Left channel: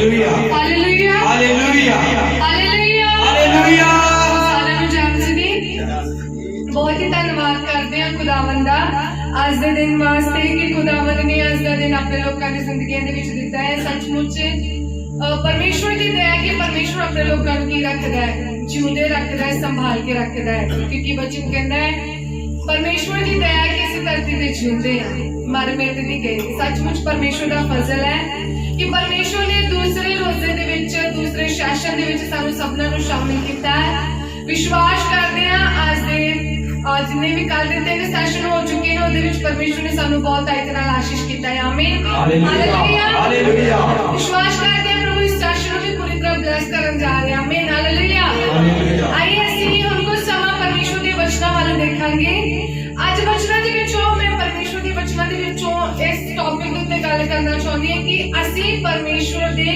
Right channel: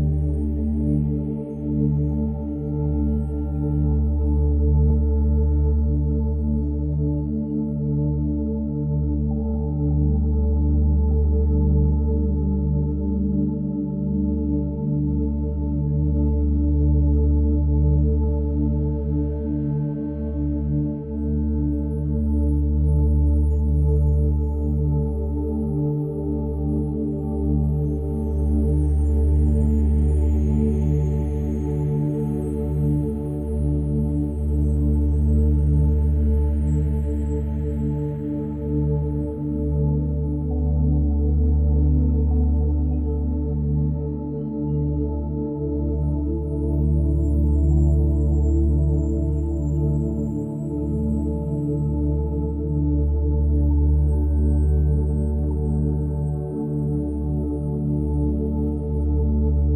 Hallelujah hallelujah hallelujah hallelujah hallelujah. साਰਿਆਂ ਨੂੰ ਜਪ ਜੀ बहुत ही धन्यवाद करते हैं खुदावंद ਦਾ ਅੱਜ ਦੇ ਦਿਨ ਵਾਸਤੇ ਕਿ खुदावंद ने ਅੱਜ ਦਾ ਦਿਨ ਆਪਣੇ ਲੋਕਾਂ ਦੀ ਜ਼ਿੰਦਗੀਆਂ ਦੇ ਵਿੱਚ ਦਿੱਤਾ ਹੈ। ਸੱਚਮੁੱਚ परमेश्वर की दया कि परमेश्वर अपने लोगों को की रखता है, जिंदे रखता है, संभाल के रखता है, क्योंकि वचन कहता है परमेश्वर की दया कि इस धरती पे जिंदे हैं, मर मिट नहीं गए। सचमुच परमेश्वर का फजल है कि परमेश्वर ने दूसरे रोजे दे विच दूसरे सैशन दे विच सानू सबना नू शामिल किया है। विश्वास करते हैं आज दे जिन्ने भी कल दे 3 सैशन हो चुके हैं उहदे विच परमेश्वर ने सानू बहुत तायत नाल आशीष किया है। आमीन हालेलुया हालेलुया। विश्वास करते हैं प्रभु इस सैशन को भी पूरी तरह ब्लेस करन जा रहे हैं। आमीन हालेलुया। आइए ਅਸੀਂ ਹੁਣ ਕੁਝ ਸਮਾਂ ਪਰਮੇਸ਼ਵਰ ਦੇ ਵਚਨਾਂ ਵੱਲ ਦੇਖਾਂਗੇ। ਅੱਜ ਵਚਨਾਂ ਦੇ ਵਿੱਚੋਂ ਮੈਂ ਪਰਮੇਸ਼ਵਰ ਦੇ ਵਚਨਾਂ ਦੇ ਵਿੱਚੋਂ ਇਸ ਟੌਪਿਕ ਉੱਤੇ ਗੱਲ ਕਰਨਾ ਚਾਹੁੰਦੀ ਹਾਂ ਕਿ ਅਸੀਂ ਪਰਮੇਸ਼ਵਰ ਦੇ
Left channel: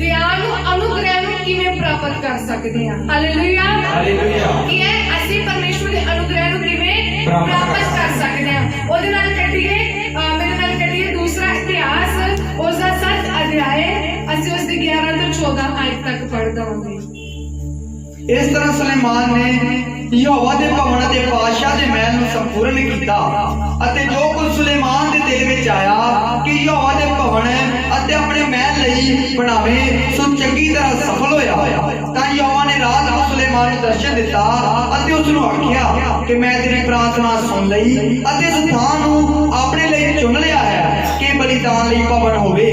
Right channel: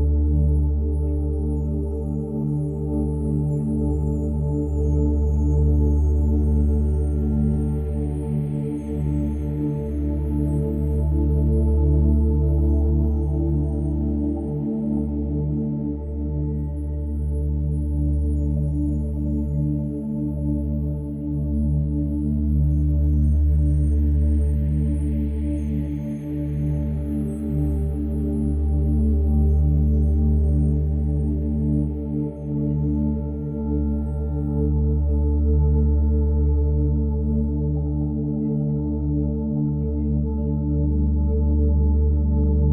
ਦਇਆ ਨੂੰ ਅਨੁਗ੍ਰਹਿ ਨੂੰ ਕਿਵੇਂ ਪ੍ਰਾਪਤ ਕਰ ਸਕਦੇ ਹਾਂ। Hallelujah hallelujah. ਕੀ ਹੈ ਅਸੀਂ ਪਰਮੇਸ਼ਵਰ ਦੇ ਅਨੁਗ੍ਰਹਿ ਨੂੰ ਕਿਵੇਂ ਪ੍ਰਾਪਤ ਕਰ ਸਕਦੇ ਹਾਂ। ਉਹਦੇ ਨਾਲ ਕੱਢੀਏ ਮੇਰੇ ਨਾਲ ਕੱਢੀਏ ਦੂਸਰਾ ਇਤਿਹਾਸ ਉਸ ਦਾ 7 ਅਧਿਆਇ ਅਸੀਂ ਉਸ ਦੇ 11 ਤੋਂ 14 ਆਇਤ ਤੱਕ ਪੜ੍ਹਦੇ ਹਾਂ। इस तरह सुलेमान ने यहोवा दे भवन ते पातशाह दे महल नूं संपूर्ण कीता अते जो कुछ सुलेमान दे दिल विच आया कि यहोवा दे भवन अते अपने महल लई बनावे सो चंगी तरह सफल होया। तां यहोवा ने रात ਨੂੰ सुलेमान ਨੂੰ दर्शन दिता अते उस ਨੂੰ आखिया कि मैं तेरी प्रार्थना सुन लई अते इस थां ਨੂੰ अपने ਲਈ चुन लिया है कि बलिदान ਲਈ भवन होवे।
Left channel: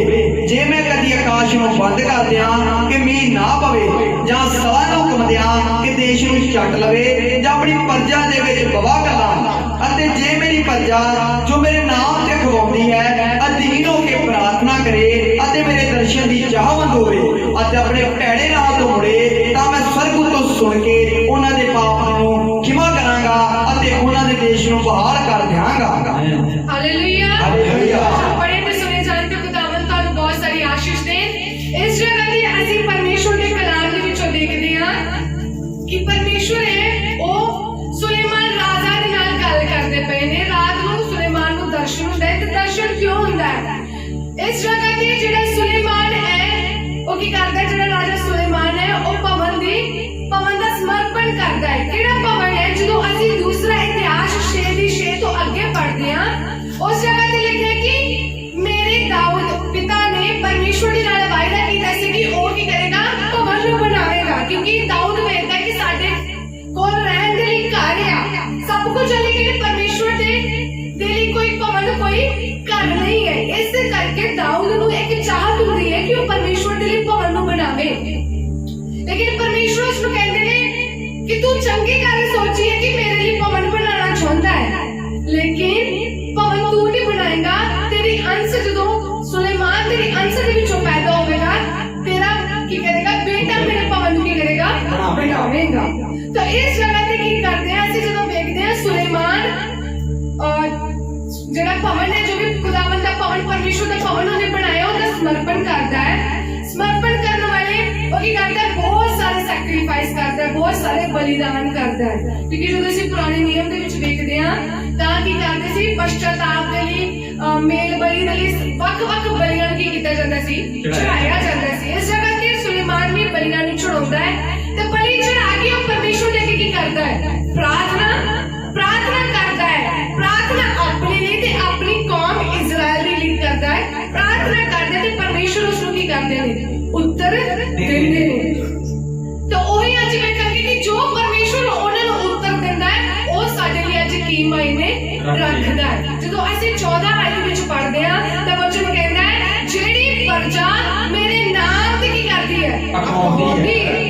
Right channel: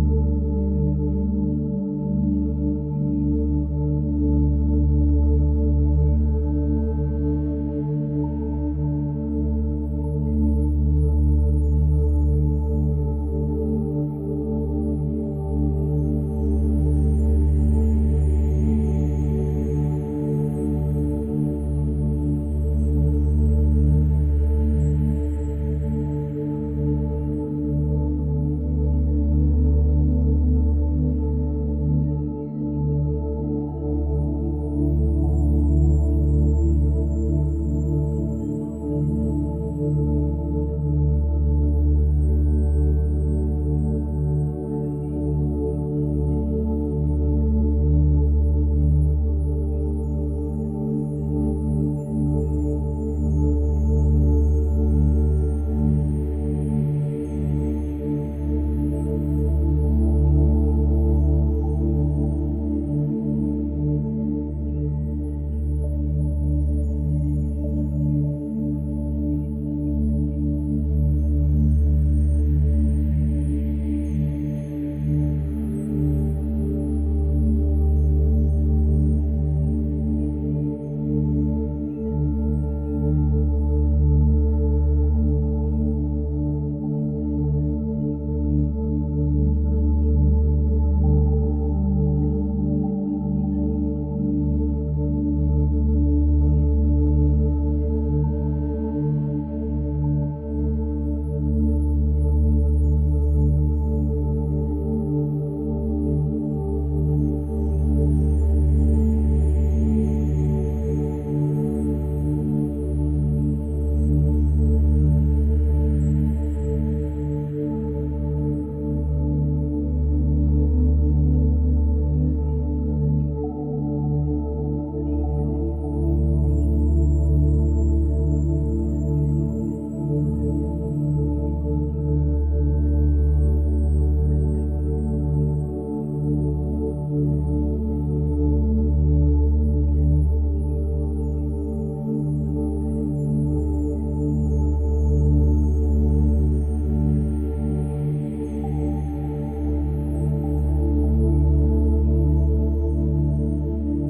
जे मैं कदी आकाश ਨੂੰ बंद कर दियां कि मींह ना पवे ਜਾਂ ਸਵਾ ਨੂੰ ਹੁਕਮ ਦਿਆਂ ਕਿ ਦੇਸ਼ ਨੂੰ ਛੱਡ ਲਵੇ ਜਾਂ ਆਪਣੀ ਪ੍ਰਜਾ ਦੇ ਵਿੱਚ ਗਵਾਹ ਕਰਾਂ ਅਤੇ ਜੇ ਮੇਰੀ ਪ੍ਰਜਾ ਜੋ ਮੇਰੇ ਨਾਮ ਤੇ ਖਵਾਉਂਦੀ ਹੈ ਅਧੀਨ ਹੋ ਕੇ ਪ੍ਰਾਰਥਨਾ ਕਰੇ ਅਤੇ ਮੇਰੇ ਦਰਸ਼ਨ ਦੀ ਚਾਹਵੰਦ ਹੋਵੇ ਅਤੇ ਆਪਣੇ ਭੈੜੇ ਰਾਹ ਤੋਂ ਮੁੜੇ ਤਾਂ ਮੈਂ ਸਵਰਗ ਤੋਂ ਸੁਣ ਕੇ ਉਹਨਾਂ ਦੇ ਪਾਪਾਂ ਨੂੰ ਖਿਮਾ ਕਰਾਂਗਾ ਅਤੇ ਉਹਨਾਂ ਦੇ ਦੇਸ਼ ਨੂੰ ਬਹਾਲ ਕਰ ਦਿਆਂਗਾ। Hallelujah hallelujah. बड़े में सुने जानते खुदावंद ਤੁਹਾਨੂੰ ਬਹੁਤ ਸਾਰੀ ਆਸ਼ੀष ਦੇ। ਇਸ ਜਗ੍ਹਾ ਤੇ ਅਸੀਂ ਪਰਮੇਸ਼ਵਰ ਦੇ ਕਲਾਮ ਦੇ ਵਿੱਚੋਂ ਦੇਖਦੇ ਹਾਂ ਕਿ ਪਰਮੇਸ਼ਵਰ ਹੈ ਉਹ ਸੁਲੇਮਾਨ ਰਾਜਾ ਦੇ ਨਾਲ ਗੱਲ ਕਰਦੇ ਪਏ ਨੇ। ਰਾਤ ਨੂੰ ਸੁਲੇਮਾਨ ਨੂੰ ਦਰਸ਼ਨ ਹੁੰਦਾ ਹੈ ਤੇ ਦਰਸ਼ਨ ਕਿਉਂ ਹੁੰਦਾ ਹੈ? ਇਸ ਜਗ੍ਹਾ ਤੇ ਜਿਹੜਾ ਸੁਲੇਮਾਨ ਹੈ ਉਹ ਕੀ ਕਰਦਾ ਹੈ? ਜਿਹੜਾ ਰਾਜਾ ਸੁਲੇਮਾਨ ਹੈ ਉਹ ਭਵਨ ਦਾ ਸਮਰਪਣ ਕਰਦਾ ਹੈ। ਕਿਹੜਾ ਭਵਨ ਹੈ? ਜਦੋਂ ਅਸੀਂ ਦੂਸਰਾ ਇਤਿਹਾਸ 6 ਤੋਂ ਅੱਗੇ ਪੜ੍ਹਦੇ ਹਾਂ ਉਸ ਜਗ੍ਹਾ ਤੇ ਲਿਖਿਆ ਕਿ ਮੇਰੇ ਦਾਊਦ ਪਿਤਾ ਨੇ ਪਰਮੇਸ਼ਵਰ ਦੇ ਨਾਲ ਵਾਅਦਾ ਕੀਤਾ ਸੀ ਕਿ ਉਹ ਕੀ ਕਰੇਗਾ? ਭਵਨ ਨੂੰ ਬਣਾਵੇਗਾ, ਕਿਉਂਕਿ ਦਾਊਦ ਵੇਖਦਾ ਕਿ ਸਾਡੇ ਕੋਲ ਰਹਿਣ ਦੇ ਲਈ ਘਰ ਆ ਸਭ ਕੁਝ ਹੈ ਲੇਕਿਨ ਪਰਮੇਸ਼ਵਰ ਦੇ ਲਈ ਕੋਈ ਭਵਨ ਕੋਈ ਘਰ ਨਹੀਂ ਹੈ। ਇਸ ਕਰਕੇ ਦਾਊਦ ਨੂੰ ਇੱਕ ਚਾਹਤ ਹੁੰਦੀ ਹੈ ਕਿ ਉਹ ਪਰਮੇਸ਼ਵਰ ਦੇ ਲਈ ਭਵਨ ਨੂੰ ਬਣਾਵੇ। ਲੇਕਿਨ ਪਰਮੇਸ਼ਵਰ ਉਸ ਨੂੰ ਕਹਿੰਦੇ ਨੇ ਕਿ ਤੂੰ ਚੰਗੀ ਗੱਲ ਸੋਚੀ ਹੈ ਕਿ ਮੇਰੇ ਲਈ ਭਵਨ ਬਣਾਉਣਾ ਚਾਹੁੰਦਾ ਹੈ ਲੇਕਿਨ ਭਵਨ ਤੂੰ ਨਹੀਂ ਬਣਾਏਗਾ। ਤੇਰੀ ਅੰਸ਼ ਜਦੋਂ ਸੁਲੇਮਾਨ ਤੇਰੀ ਅੰਸ਼ ਦੇ ਵਿੱਚੋਂ ਪੈਦਾ ਹੋਵੇਗਾ ਤੇਰਾ ਕੀ ਕਰੇਗਾ? ਬੇਟਾ ਮੇਰੇ ਭਵਨ ਨੂੰ ਕੀ ਕਰੇਗਾ? ਬਣਾਵੇਗਾ। ਤਾਂ ਇਸ ਜਗ੍ਹਾ ਤੇ ਕੀ ਕਰਦੇ ਆ ਅਸੀਂ ਜਦੋਂ ਵੇਖਦੇ ਹਾਂ ਸੁਲੇਮਾਨ ਜਿਹੜਾ ਭਵਨ ਹੈ ਜੋ ਵੀ ਖੁਦਾਵੰਦ ਦਾ ਭਵਨ ਪਰਮੇਸ਼ਵਰ ਦਾ ਭਵਨ ਉਹਨੇ ਬਣਾਇਆ ਉਹਦਾ ਸਮਰਪਣ ਕਰਦਾ ਹੈ। ਸਮਰਪਣ ਕਰਨ ਵਾਲੇ ਉਹ ਕੀ ਕਰਦਾ ਹੈ? ਬਹੁਤ ਸਾਰੇ ਸੈਕਰੀਫਾਈਸ ਕਰਦਾ ਹੈ, ਬਹੁਤ ਸਾਰੇ ਬਲੀਦਾਨ ਕਰਦਾ ਹੈ। ਕਿਉਂਕਿ ਜਦੋਂ ਅਸੀਂ ਪੁਰਾਣੇ ਨਿਯਮ ਦੇ ਵਿੱਚ ਵੇਖਦੇ ਹਾਂ ਤਾਂ ਕੀ ਕਰਦੇ ਸੀ? ਪਸ਼ਚਾਤਾਪ ਦੇ ਲਈ ਮੇਲ ਬਲੀ ਦੇ ਲਈ ਵੱਖ-ਵੱਖ ਬਲੀਆਂ ਨੂੰ ਕੀ ਕੀਤਾ ਜਾਂਦਾ ਸੀ? ਚੜਾਇਆ ਜਾਂਦਾ ਸੀ। ਇਸ ਜਗ੍ਹਾ ਤੇ ਸੁਲੇਮਾਨ ਵੀ ਬਲੀਆਂ ਨੂੰ ਚੜਾਉਂਦਾ ਹੈ ਤੇ ਬਲੀ ਚੜਾ ਕੇ ਉਹ ਪਰਮੇਸ਼ਵਰ ਦੇ ਅੱਗੇ ਕੀ ਕਰਦਾ ਹੈ? ਪ੍ਰਾਰਥਨਾ ਕਰਦਾ ਹੈ। ਪ੍ਰਾਰਥਨਾ ਆਪਣੇ ਲਈ ਤੇ ਆਪਣੀ ਕੌਮ ਇਜ਼ਰਾਈਲ ਦੇ ਲਈ ਕਰਦਾ ਹੈ। ਪ੍ਰਾਰਥਨਾ ਕਰਦਾ ਤੇ ਪਰਮੇਸ਼ਵਰ ਉਸ ਨੂੰ ਕੀ ਕਰਦੇ ਨੇ? ਉੱਤਰ ਦਿੰਦੇ ਨੇ। ਤਾਂ ਉਹੀ ਅੱਜ ਵੇਖਾਂਗੇ ਕਿ ਜੋ ਪਰਮੇਸ਼ਵਰ ਉਹਨਾਂ ਨੂੰ ਉੱਤਰ ਦਿੰਦਾ ਹੈ ਉਹ ਸਾਡੇ ਲਈ ਅੱਜ ਕੀ ਮਾਇਨੇ ਰੱਖਦਾ ਹੈ। ਜਦੋਂ ਅਸੀਂ 14 ਆਇਤ ਵਿੱਚ ਪੜ੍ਹਦੇ ਹਾਂ ਤਾਂ ਵਚਨ ਕਹਿੰਦਾ ਹੈ ਜਿਹੜੀ ਪ੍ਰਜਾ ਮੇਰੇ ਨਾਮ ਤੇ ਕੀ ਕਰਦੀ ਹੈ? ਅਖਾਉਂਦੀ ਹੈ।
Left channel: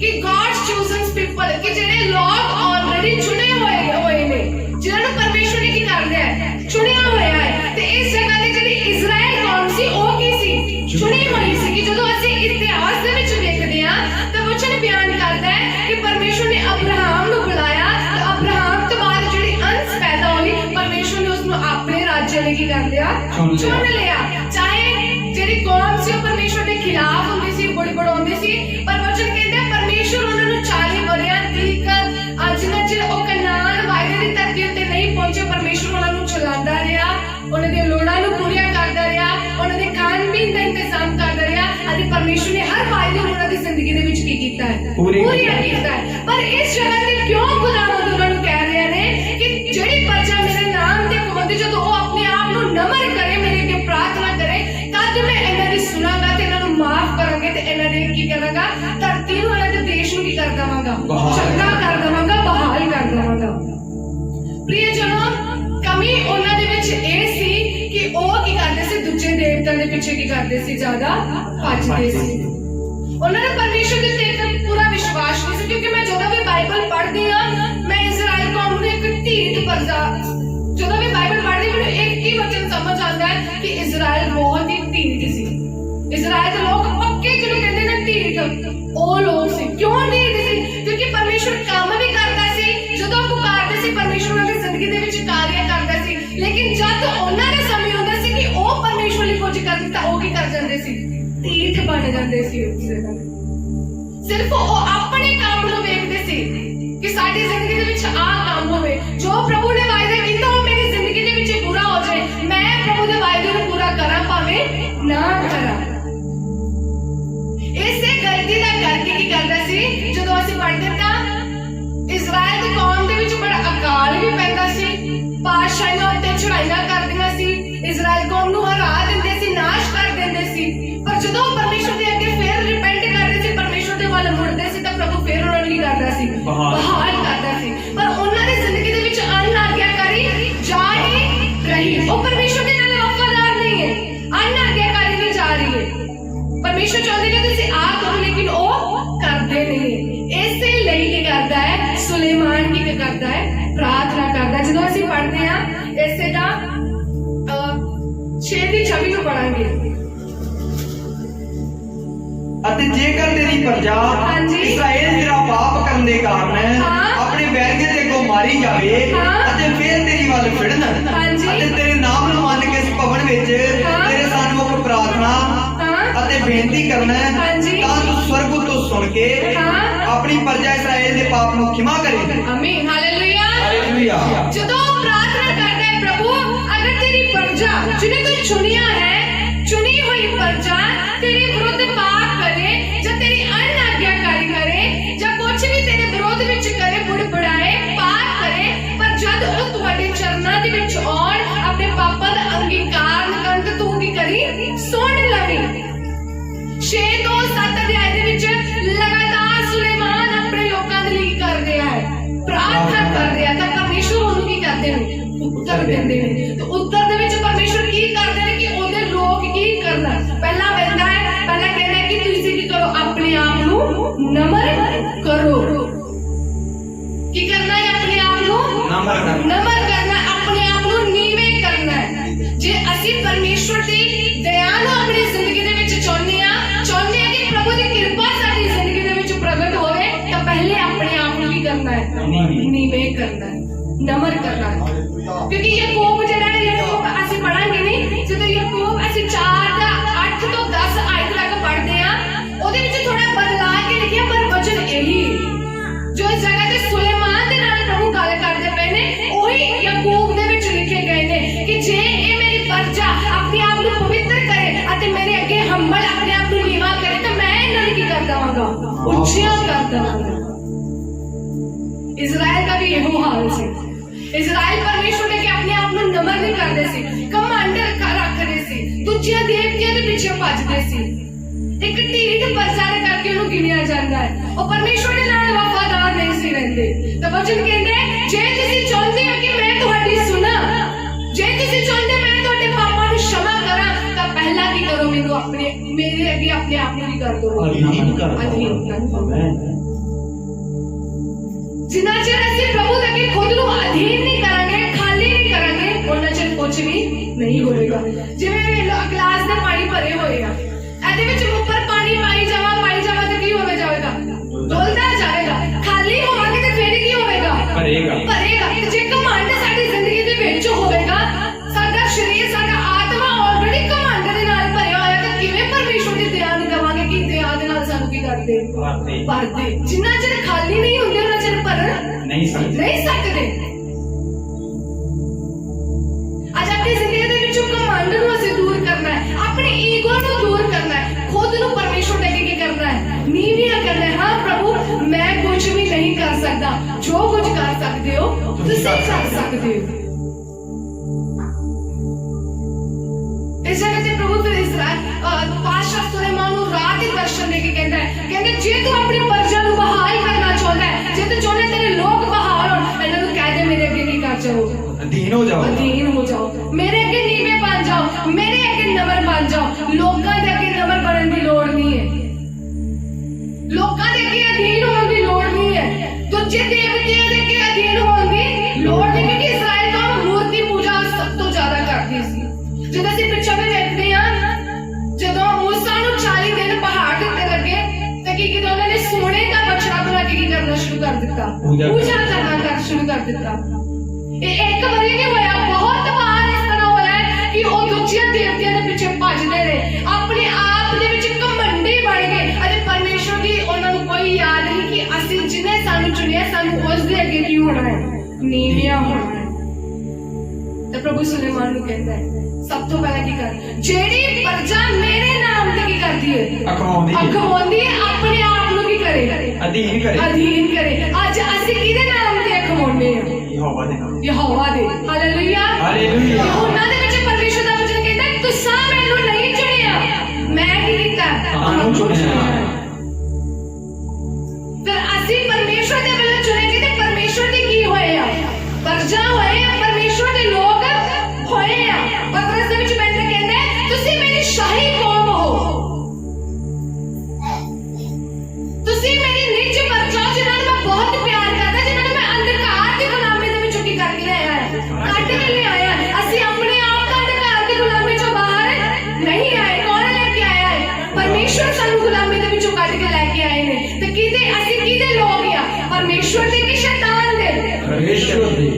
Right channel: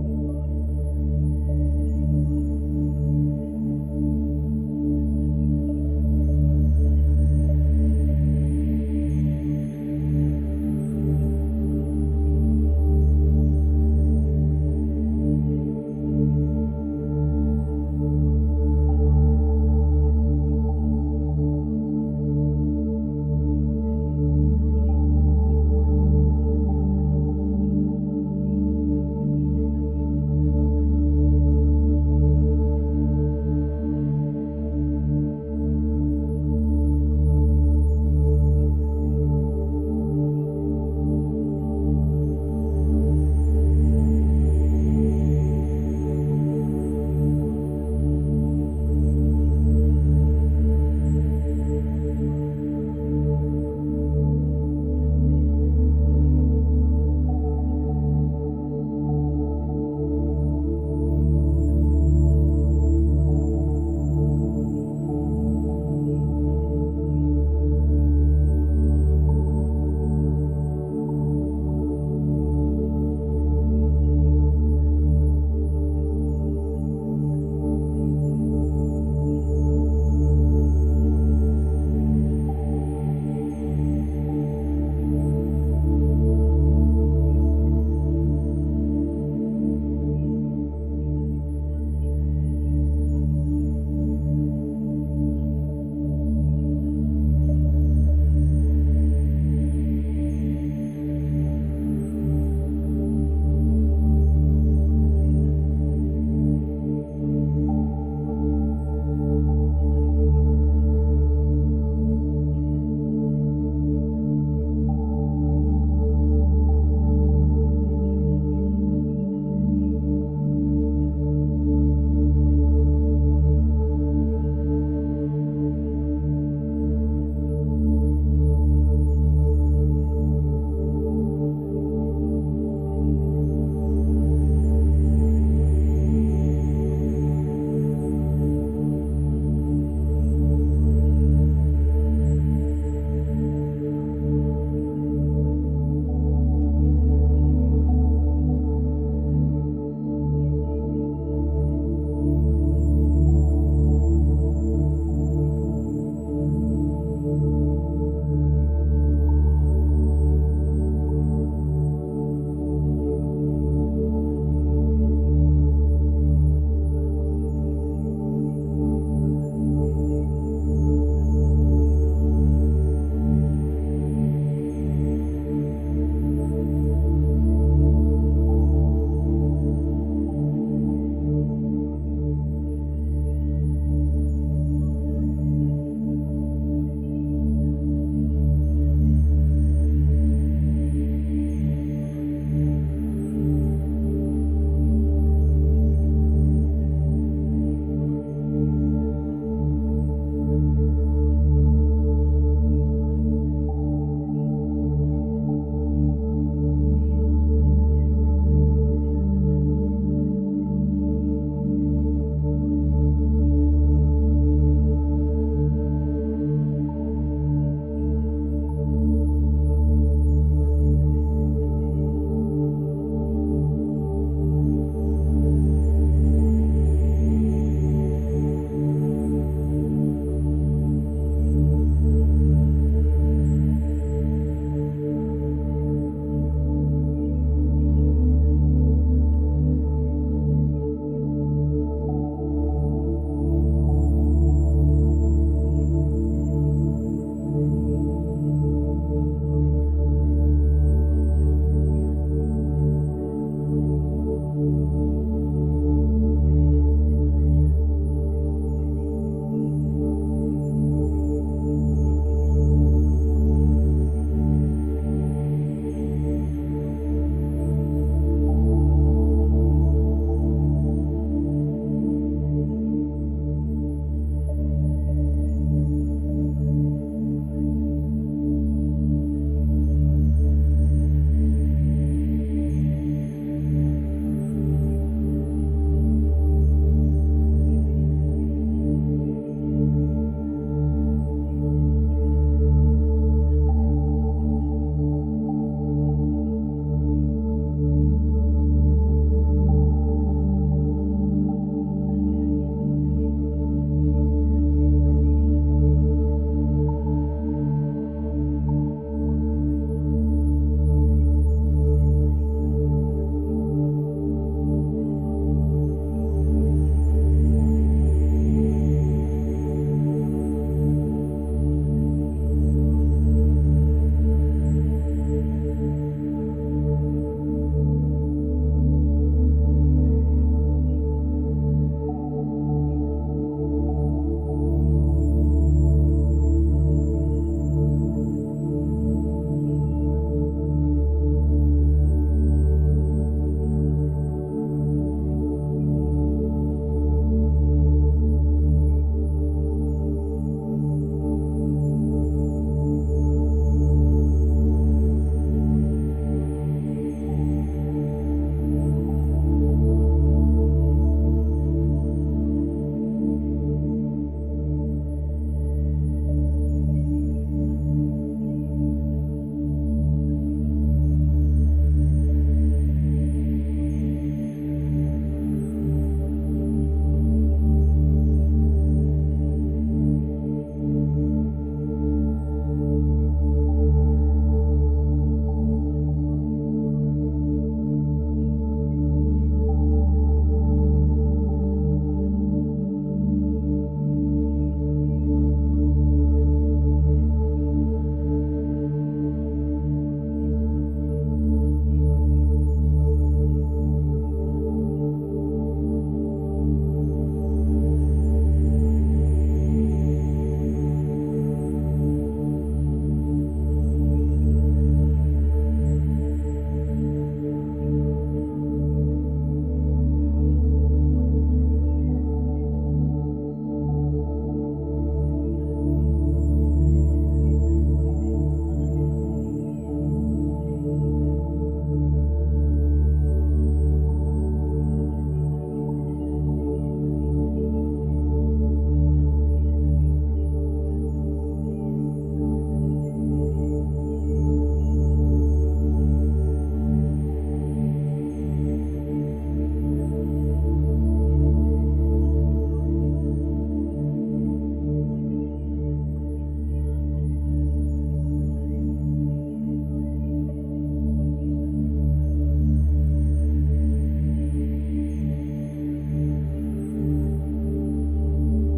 ਕਿ God's chosen people ਕਿ ਜਿਹੜੇ ਲੋਕ ਆਲਰੇਡੀ ਚੁਣੇ ਹੋਏ ਨੇ ਜਿਨ੍ਹਾਂ ਨੂੰ ਪਰਮੇਸ਼ਵਰ ਨੇ ਕੀ ਕਰਦਾ ਹੈ? ਚੁਣਿਆ ਹੋਇਆ ਹੈ। ਤੇ ਇਸ ਜਗ੍ਹਾ ਤੇ ਜਿਹੜੀ ਇਜ਼ਰਾਈਲ ਕੌਮ ਸੀ ਉਹ ਕੀ ਸੀ? ਚੁਣੀ ਹੋਈ ਸੀ। ਕਿ ਜਦੋਂ ਅਸੀਂ ਇਤਿਹਾਸ ਦੇ ਵਿੱਚ ਦੇਖਦੇ ਹਾਂ ਤਾਂ ਵਚਨ ਬਿਆਨ ਕਰਦਾ ਹੈ ਕਿ ਪਰਮੇਸ਼ਵਰ ਨੇ ਅਬਰਾਹਮ ਨੂੰ ਬੁਲਾਇਆ ਤੇ ਅਬਰਾਹਮ ਤੋਂ ਬਾਅਦ ਜਿਹੜੀ ਅੰਸ਼ ਪੈਦਾ ਹੋਈ ਪਰਮੇਸ਼ਵਰ ਨੇ ਉਸ ਨੂੰ ਆਪਣੇ ਰਾਜ ਲਈ ਕੀ ਕਰ ਲਿਆ? ਚੁਣ ਲਿਆ। ਕੀ ਕਰਦੇ ਸੀ, ਜ਼ਿਆਦਾ ਭੱਜਦੇ ਸੀ। ਉਹਨਾਂ ਨੇ ਪਰਮੇਸ਼ਰ ਦੇ ਉੱਤੇ ਇੱਕ ਪੂਰਾ ਵਿਸ਼ਵਾਸ ਨਹੀਂ ਸੀ, ਕਿਉਂਕਿ ਮੈਂ ਜਦੋਂ ਵੀ ਬਾਈਬਲ ਪੜ੍ਹਦੀ ਹਾਂ ਮੈਂ ਇਜ਼ਰਾਈਲ ਕੌਮ ਨੂੰ ਇੱਕ ਢੀਠ ਪ੍ਰਜਾ, ਜਦੋਂ ਵੀ ਬਾਈਬਲ ਪੜ੍ਹਦੀ ਮੈਨੂੰ ਇੱਕ ਹੀ ਵਚਨ ਸਮਝ ਆਉਂਦਾ ਹੈ ਕਿ ਇਜ਼ਰਾਈਲ ਬਹੁਤ ਹੀ ਢੀਠ ਸੀ। ਇਜ਼ਰਾਈਲ ਦੇ ਲੋਕ ਪੱਕੇ ਜਿਹਨੂੰ ਕਹਿੰਦੇ ਨੇ ਢੀਠ, ਉਹ ਲੋਕ ਸੀ। ਕਿਉਂ ਢੀਠ ਸੀ? ਕਿਉਂਕਿ ਪਰਮੇਸ਼ਰ ਕੰਮ ਵੀ ਕਰਦਾ ਸੀ, ਜਦੋਂ ਪੁਕਾਰਦੇ ਸੀ ਪਰਮੇਸ਼ਰ ਉਹਨਾਂ ਦੀ ਜ਼ਿੰਦਗੀ ਦੇ ਵਿੱਚ ਕਾਰਿਆ ਕਰਦਾ ਸੀ, ਲੇਕਿਨ ਜਦ ਉਹਨਾਂ ਦੇ ਸਮੇਂ ਹੁੰਦਾ ਸੀ ਕਿ ਉਹ ਪਰਮੇਸ਼ਰ ਲਈ ਕੁਝ ਕਰਨ ਤਾਂ ਉਹ ਕੀ ਕਰ ਜਾਂਦੇ ਸੀ, ਢੀਠ ਬਣ ਜਾਂਦੇ ਸੀ। ਸਿਰਫ ਉਹ ਆਪਣੇ ਕੰਮ ਨੂੰ ਵੇਖਦੇ ਸੀ ਕਿ ਸਾਡੀ ਜ਼ਿੰਦਗੀ ਦੇ ਵਿੱਚ ਆਹ ਕੰਮ ਹੋਵੇ, ਜੋ ਪ੍ਰਭੂ ਨੇ ਵਾਅਦੇ ਕੀਤਾ ਉਹ ਮੇਰੀ ਜ਼ਿੰਦਗੀ ਦੇ ਵਿੱਚ ਪੂਰਾ ਹੋ ਜਾਏ, ਮੈਂ ਪ੍ਰਭੂ ਦੇ ਵਾਅਦੇ ਨੂੰ ਪੂਰਾ ਕਰਾਂ ਭਾਵੇਂ ਨਾ ਕਰਾਂ। ਇਸੇ ਗਲਤੀ ਦਾ ਕਰਕੇ ਕੀ ਕਰਦਾ ਸੀ, ਜਦੋਂ ਅਸੀਂ ਪੜ੍ਹਦੇ ਤਾਂ ਇਜ਼ਰਾਈਲ ਦੀ ਕੌਮ ਦੇ ਵਿੱਚ ਬੜਾ ਅਕਾਲ ਵੀ ਪੈਂਦਾ ਸੀ, ਬਾਦਸ਼ਾਹਾਂ ਉੱਤੇ ਚੜ੍ਹਾਈਆਂ ਕਰਦੀਆਂ ਸੀ, ਇਜ਼ਰਾਈਲ ਕੌਮ ਨੂੰ ਹਰਾ ਦਿੰਦੇ ਸੀ, ਨਾਸ਼ ਕਰ ਦਿੰਦੇ ਸੀ। ਪਰ ਜਦੋਂ ਪਰਮੇਸ਼ਰ ਦੇ ਅੱਗੇ ਫਿਰ ਰਿਪੈਂਟ ਕਰਦੇ ਸੀ, ਪਰਮੇਸ਼ਰ ਦੇ ਵੱਲ ਮੁੜਦੇ ਸੀ ਤਾਂ ਪ੍ਰਭੂ ਫਿਰ ਉਹਨਾਂ ਨੂੰ ਕੀ ਕਰਦਾ ਸੀ, ਬਹਾਲ ਕਰਦਾ ਸੀ। ਪਰ ਉਹਨਾਂ ਦੀ ਜ਼ਿੰਦਗੀ ਦੇ ਵਿੱਚ ਅਨਾਗਿਆਕਾਰੀ ਜਾ ਹੀ ਰਹੀ। ਉਹ ਪਰਮੇਸ਼ਰ ਦੇ ਨਾਲ ਵਫਾਦਾਰ ਨਹੀਂ ਹੈ, ਅਨਾਗਿਆਕਾਰੀ ਵੀ ਜਾ ਰਹੀ ਹੈ। ਪਰਮੇਸ਼ਰ ਚਾਹੁੰਦੇ ਨੇ ਤੁਸੀਂ ਆਹ ਕਰੋ, ਲੇਕਿਨ ਉਹ ਕਰਦੇ ਨਹੀਂ। ਇਸੇ ਲਈ ਕੀ ਕਰਦਾ ਹੈ, ਸੁਲੇਮਾਨ ਕੀ ਕਰਦਾ ਹੈ, ਪ੍ਰਾਰਥਨਾ ਕਰਦਾ। ਜਦੋਂ ਅਸੀਂ ਪੜ੍ਹਦੇ ਹਾਂ ਇਸੇ ਦਾ 6:26 ਨੂੰ ਪੜਾਂਗੇ। ਅਤੇ ਜੇਕਰ ਤੇਰੀ ਪ੍ਰਜਾ ਹਾਂਜੀ। ਇਸਰਾਏਲ ਤੇਰਾ ਪਾਪ ਕਰਨ ਦੇ ਕਾਰਨ ਆਪਣੇ ਵੈਰੀਆਂ ਦੇ ਅੱਗੋਂ ਮਾਰੀ ਜਾਵੇ ਅਤੇ ਫਿਰ ਤੇਰੀ ਵੱਲ ਫਿਰਨ ਹਾਂਜੀ। ਅਤੇ ਤੇਰੇ ਨਾਮ ਨੂੰ ਮੰਨ ਕੇ ਇਸ ਭਵਨ ਵਿੱਚ ਤੇਰੇ ਸਾਹਮਣੇ ਪ੍ਰਾਰਥਨਾ ਅਤੇ ਬੇਨਤੀ ਕਰਨਾ ਹਾਂਜੀ। ਤਾਂ ਤੂੰ ਸਵਰਗ ਤੋਂ ਸੁਣ ਕੇ ਆਪਣੀ ਪ੍ਰਜਾ ਇਸਰਾਏਲ ਦੇ ਪਾਪ ਨੂੰ ਖਿਮਾ ਕਰੇ। ਆਮੀਨ, ਹਾਲੇਲੂਇਆ। ਹਾਲੇਲੂਇਆ। ਜਦੋਂ ਪ੍ਰਾਰਥਨਾ ਕਰਦਾ ਹੈ ਪ੍ਰਭੂ, ਅਗਰ ਤੇਰੀ ਪ੍ਰਜਾ ਜਿਹਨੇ ਤੂੰ ਚੁਣਿਆ ਹੈ, ਚੁਣੀ ਹੋਈ ਪ੍ਰਜਾ ਤੇਰੇ ਵਿਰੁੱਧ ਪਾਪ ਕਰੇ ਜਾਂ ਤੇਰੀ ਅਨਾਗਿਆਕਾਰੀ ਕਰੇ ਜਾਂ ਕੁਝ ਵੀ ਤੇਰੇ ਵਿਰੋਧ ਵਿੱਚ ਕਰੇ, ਬੁੜਬੁੜਾਏ, ਪਾਪ ਕਰੇ, ਪਰ ਜਦ ਉਹ ਤੁਹਾਡੇ ਚਰਨਾਂ ਦੇ ਵਿੱਚ ਆਉਣ, ਆਪਣੇ ਪਾਪਾਂ ਦਾ ਅੰਗੀਕਾਰ ਕਰਨ ਤਾਂ ਤੂੰ ਕੀ ਕਰੀ, ਸੁਣ ਲਵੀਂ। 6 ਤੋਂ 7 ਅਧਿਆਇ ਦੇ ਵਿੱਚ ਲਗਾਤਾਰ ਸੁਲੇਮਾਨ ਆਪਣੇ ਲੋਕਾਂ ਦੇ ਲਈ ਕਰ ਰਿਹਾ ਹੈ, ਪ੍ਰਾਰਥਨਾ ਕਰ ਰਿਹਾ, ਤਾਂ ਪਰਮੇਸ਼ਰ ਉਹਨੂੰ ਕੀ ਕਰਦੇ ਨੇ, ਉੱਤਰ ਦਿੰਦੇ ਨੇ। ਤੇ ਉੱਤਰ ਦੇ ਵਿੱਚ ਪਰਮੇਸ਼ਰ ਕੀ ਕਰਦੇ ਨੇ ਕਿ ਉਹਦੇ ਲੋਕ ਕੀ ਕਰਨਾ, ਪਹਿਲਾਂ ਕਹਿੰਦਾ ਹੈ ਕਿ ਤੁਸੀਂ ਕੀ ਕਰੋ, ਆਪਣੇ ਆਪ ਨੂੰ ਨਮਰ ਕਰੋ। ਕੀ ਕਰਨਾ ਹੈ, ਆਪਣੇ ਆਪ ਨੂੰ ਨਮਰ ਕਰਨਾ, ਆਪਣੇ ਆਪ ਨੂੰ ਨੀਵੇਂ ਕਰਨਾ ਹੈ। ਜੇ ਅਸੀਂ ਪਰਮੇਸ਼ਰ ਦੀ ਦਇਆ ਨੂੰ ਆਪਣੀ ਜ਼ਿੰਦਗੀ ਦੇ ਵਿੱਚ ਚਾਹੁੰਦੇ ਹਾਂ ਕਿ ਪ੍ਰਭੂ ਦੀ ਕਿਰਪਾ ਸਾਡੀ ਜ਼ਿੰਦਗੀ ਦੇ ਵਿੱਚ ਪ੍ਰਗਟ ਹੋਵੇ, ਤਾਂ ਪਹਿਲੇ ਆਪਣੇ ਆਪ ਨੂੰ ਕੀ ਕਰਨਾ ਹੈ, ਨੀਵੇਂ ਕਰਨਾ ਹੈ, ਨਮਰ ਕਰਨਾ ਹੈ। ਕਿਉਂਕਿ ਯਾਕੂਬ ਜਿਹੜਾ ਹੈ, ਯਾਕੂਬ ਅਸੀਂ ਪੜਾਂਗੇ ਨਹੀਂ, ਜਦੋਂ ਯਾਕੂਬ ਅਸੀਂ 4:8 ਤੋਂ 10 ਆਇਤ ਤੱਕ ਪੜ੍ਹਦੇ ਹਾਂ, ਉਹਦੇ ਵਿੱਚ ਥੋੜਾ ਬਦਲਾ ਕੇ ਲਿਖਿਆ, ਪਰ ਵਚਨ ਇਹੀ ਜੋ ਇਸ ਜਗ੍ਹਾ ਤੇ ਸੁਲੇਮਾਨ ਦੇ ਨਾਲ ਪ੍ਰਭੂ ਗੱਲ ਕਰਦੇ ਪਏ ਨੇ, ਉਹੀ ਯਾਕੂਬ ਦੇ ਵਿੱਚ ਲਿਖੇ ਗਏ ਨੇ ਕਿ ਜੇ ਇਹ ਮੇਰੀ ਪ੍ਰਜਾ ਆਪਣੇ ਆਪ ਨੂੰ ਪਵਿੱਤਰ ਕਰੇ ਅਤੇ ਮੇਰੇ ਅੱਗੇ ਹੰਬਲ ਆਪਣੇ ਆਪ ਨੂੰ ਨੀਵਾਂ ਕਰੇ, ਤਾਂ ਮੈਂ ਇਹਨਾਂ ਨੂੰ ਕੀ ਕਰ ਦੇਵਾਂਗਾ, ਉੱਚੀਆਂ ਕਰ ਦੇਵਾਂਗਾ। ਇਜ਼ਰਾइल ਦਾ ਵੀ ਇਹੋ ਹਾਲ ਸੀ। ਇਜ਼ਰਾइल ਪਰਮੇਸ਼ਰ ਨੇ ਕਿ ਆਪਣੇ ਆਪ ਨੂੰ ਨਮਰ ਨਹੀਂ ਕਰਦੇ ਸੀ, ਕਮਾਂਡਰ ਰੱਖਦੇ ਸੀ, ਦੂਜਿਆਂ ਦੇਵਤਿਆਂ ਦੇ ਪਿੱਛੇ ਭੱਜਦੇ ਸੀ। ਇੱਕ ਢੀਠ ਪ੍ਰਜਾ ਦੇ ਕਰਕੇ ਉਹਨੂੰ ਗਿਣਿਆ ਜਾਂਦਾ ਹੈ। ਉਹ ਪਰਮੇਸ਼ਰ ਦੇ ਨਾਲ ਵਫਾਦਾਰ ਨਹੀਂ ਸੀ ਰਹਿੰਦੇ। ਤਾਂ ਵਚਨ ਕਹਿੰਦੇ ਜੇ ਤੁਸੀਂ ਚਾਹੁੰਦੇ ਹੋ ਕਿ ਮੈਂ ਤੁਹਾਡੀ ਸੁਣਾ, ਜੇ ਤੁਸੀਂ ਚਾਹੁੰਦੇ ਮੈਂ ਤੁਹਾਡੇ ਪਾਪਾਂ ਨੂੰ क्षमा ਕਰਾਂ, ਤਾਂ ਪਹਿਲਾਂ ਕੀ ਕਰੋ, ਮੈਨੂੰ ਮੇਰੇ ਅੱਗੇ ਆਪਣੇ ਆਪ ਨੂੰ ਕੀ ਕਰ ਦਿਓ, ਅਧੀਨ ਕਰ ਦਿਓ। ਜਿੰਨਾ ਚਿਰ ਅਸੀਂ ਪ੍ਰਭੂ ਦੇ ਅੱਗੇ ਖੁਦ ਨੂੰ ਅਧੀਨ ਨਹੀਂ ਕਰਾਂਗੇ, ਖਾਲੀ ਨਹੀਂ ਕਰਾਂਗੇ, ਉਹਨਾਂ ਚਿਰ ਕੁਝ ਵੀ ਨਹੀਂ ਹੋਵੇਗਾ। ਜਿਵੇਂ ਗਲਾਸ ਦੇ ਪਾਣੀ ਭਰੇ ਹੋਏ ਆ, ਇਹਦੇ ਵਿੱਚ ਉੱਪਰ ਪਾਣੀ ਪਾਈ ਜਾਵਾ ਤਾਂ ਕੀ ਹੋਵੇ ਜਾਵੇਗਾ, ਡੁੱਲਦਾ ਜਾਵੇਗਾ। ਖਾਲੀ ਹੋਵਾਂਗੇ ਤੇ ਫਿਰ ਕੀ ਹੋਵੇਗਾ, ਭਰੇਗਾ। ਜੇ ਘਮੰਡ ਸਾਡੀ ਜ਼ਿੰਦਗੀ ਦੇ ਵਿੱਚ ਹੋਵੇਗਾ, ਸਾਡਾ ਸਰੀਰ, ਸਾਡਾ ਆਤਮਾ ਆਲਰੇਡੀ ਘਮੰਡ ਦੇ ਨਾਲ ਭਰਿਆ ਹੋਇਆ, ਤਾਂ ਕਿਵੇਂ ਪਰਮੇਸ਼ਰ ਦੀ ਦਇਆ ਨੂੰ ਕਵਾਂਗੇ ਕਿ ਦਇਆ ਦੇ ਨਾਲ ਸਾਨੂੰ ਕੀ ਕਰਦੇ, ਭਰਦੇ। ਜਿੰਨਾ ਚਿਰ ਖਾਲੀ ਨਹੀਂ ਹੁੰਦੇ ਉਹਨਾਂ ਚਿਰ ਭਰ ਨਹੀਂ ਸਕਦੇ। ਅੱਜ ਆਪਣੀ ਜ਼ਿੰਦਗੀ ਦੇ ਵਿੱਚੋਂ ਘਮੰਡ ਨੂੰ ਅਸੀਂ ਦੂਰ ਕਰਨਾ ਹੈ, ਆਪਣੀ ਈਗੋ ਨੂੰ ਦੂਰ ਕਰਨਾ ਹੈ, ਖੁਦ ਨੂੰ ਪਰਮੇਸ਼ਰ ਦੇ ਅੱਗੇ ਕੀ ਕਰਨਾ ਹੈ, ਨੀਵੀਆਂ ਕਰਨਾ ਹੈ। ਹਾਂ ਪ੍ਰਭੂ, ਮੈਂ ਕੁਝ ਵੀ ਨਹੀਂ ਕਰ ਸਕਦਾ, ਜੋ ਕੁਝ ਕਰ ਸਕਦੇ ਹੋ ਤੁਸੀਂ ਕਰ ਸਕਦੇ ਹੋ। ਇਸ ਜਗ੍ਹਾ ਤੇ ਪ੍ਰਭੂ ਫਿਰ ਇਜ਼ਰਾइल ਬਾਦਸ਼ਾਹ ਸੁਲੇਮਾਨ ਨੂੰ ਰਾਤ ਦੇ ਦਰਸ਼ਨ ਦੇ ਕੇ ਕਹਿੰਦਾ ਜੇ ਤੂੰ ਆਪਣੀ ਪ੍ਰਜਾ ਨੂੰ ਬਹਾਲ ਕਰਨਾ ਚਾਹੁੰਦਾ ਹੈ, ਜੇ ਤੂੰ ਚਾਹੁੰਦਾ ਤੇਰੇ ਲੋਕ ਬਹਾਲ ਹੋਣ, ਅਖਵਾਉਂਦੀ ਹੈ ਅਖਵਾਉਂਦੀ ਹੈ, ਆਪਣੇ ਆਪ ਨੂੰ ਕੀ ਕਰੇ ਅਧੀਨ ਕਰੇ ਅਧੀਨ ਕਰੇ। ਅੱਜ ਅਸੀਂ ਕਿਹਦੇ ਨਾਮ ਤੇ ਅਖਵਾਉਂਦੇ ਹਾਂ? ਯਹੋਵਾ ਦੇ ਨਾਮ ਯਹੋਵਾ ਦੇ। ਹਾਲੇਲੂਇਆ ਹਾਲੇਲੂਇਆ ਯਹੋਨਾ ਦੇ ਵਿੱਚ ਪਰਮੇਸ਼ਰ ਦਾ ਵਚਨ ਕਹਿੰਦਾ ਤੁਸੀਂ ਮੈਨੂੰ ਨਹੀਂ ਚੁਣਿਆ, ਮੈਂ ਕੀ ਕੀਤਾ? ਤੁਹਾਨੂੰ ਚੁਣਿਆ। ਫਿਰ ਅਸੀਂ ਪਰਮੇਸ਼ਰ ਦੇ ਵੱਲੋਂ ਚੁਣੇ ਗਏ ਤੇ ਪਰਮੇਸ਼ਰ ਦੇ ਕੀ ਹੋਏ ਆ? ਪਰਜਾ ਹੋਏ ਆ, ਪਰਮੇਸ਼ਰ ਦੇ ਲੋਕ ਹੋਏ ਆ। ਪਤਰਸ ਦੇ ਵਿੱਚ ਮੈਨੂੰ ਕਹਿੰਦਾ ਤੁਸੀਂ ਮੇਰੀ ਸ਼ਾਹੀ ਕੌਮ ਹੋ, ਤੁਸੀਂ ਮੇਰੀ ਨਿੱਜ ਪਰਜਾ ਜਿਹਨਾਂ ਨੂੰ ਮੈਂ ਬਹੁਤ ਪਿਆਰ ਕਰਦਾ, ਜਿਹਨਾਂ ਨੂੰ ਮੈਂ ਅੰਧਕਾਰ ਦੀ ਗੁਲਾਮੀ ਦੇ ਵਿੱਚੋਂ ਕੀ ਕਰਕੇ ਲਿਆਇਆ ਹੈ, ਕੱਢ ਕੇ ਲਿਆਇਆ। ਅਸੀਂ ਆਪਣੇ ਆਪ ਦਾ ਅੰਧਕਾਰ ਦੀ ਗੁਲਾਮੀ ਚੋਂ ਬਾਹਰ ਨਹੀਂ ਆਏ। ਕੌਣ ਲੈ ਕੇ ਆਇਆ ਹੈ? ਪਰਮੇਸ਼ਰ ਸਾਨੂੰ ਗੁਲਾਮੀ ਦੇ ਵਿੱਚੋਂ ਕੱਢ ਕੇ ਲੈ ਕੇ ਆਏ ਨੇ। ਤੇ ਕਿਹਦੇ ਅਸੀਂ ਕਿਹਦੇ ਲੋਕ ਆ? ਪਰਮੇਸ਼ਰ ਦੇ ਕਿ ਸ਼ੈਤਾਨ ਦੇ? ਪਰਮੇਸ਼ਰ ਦੇ।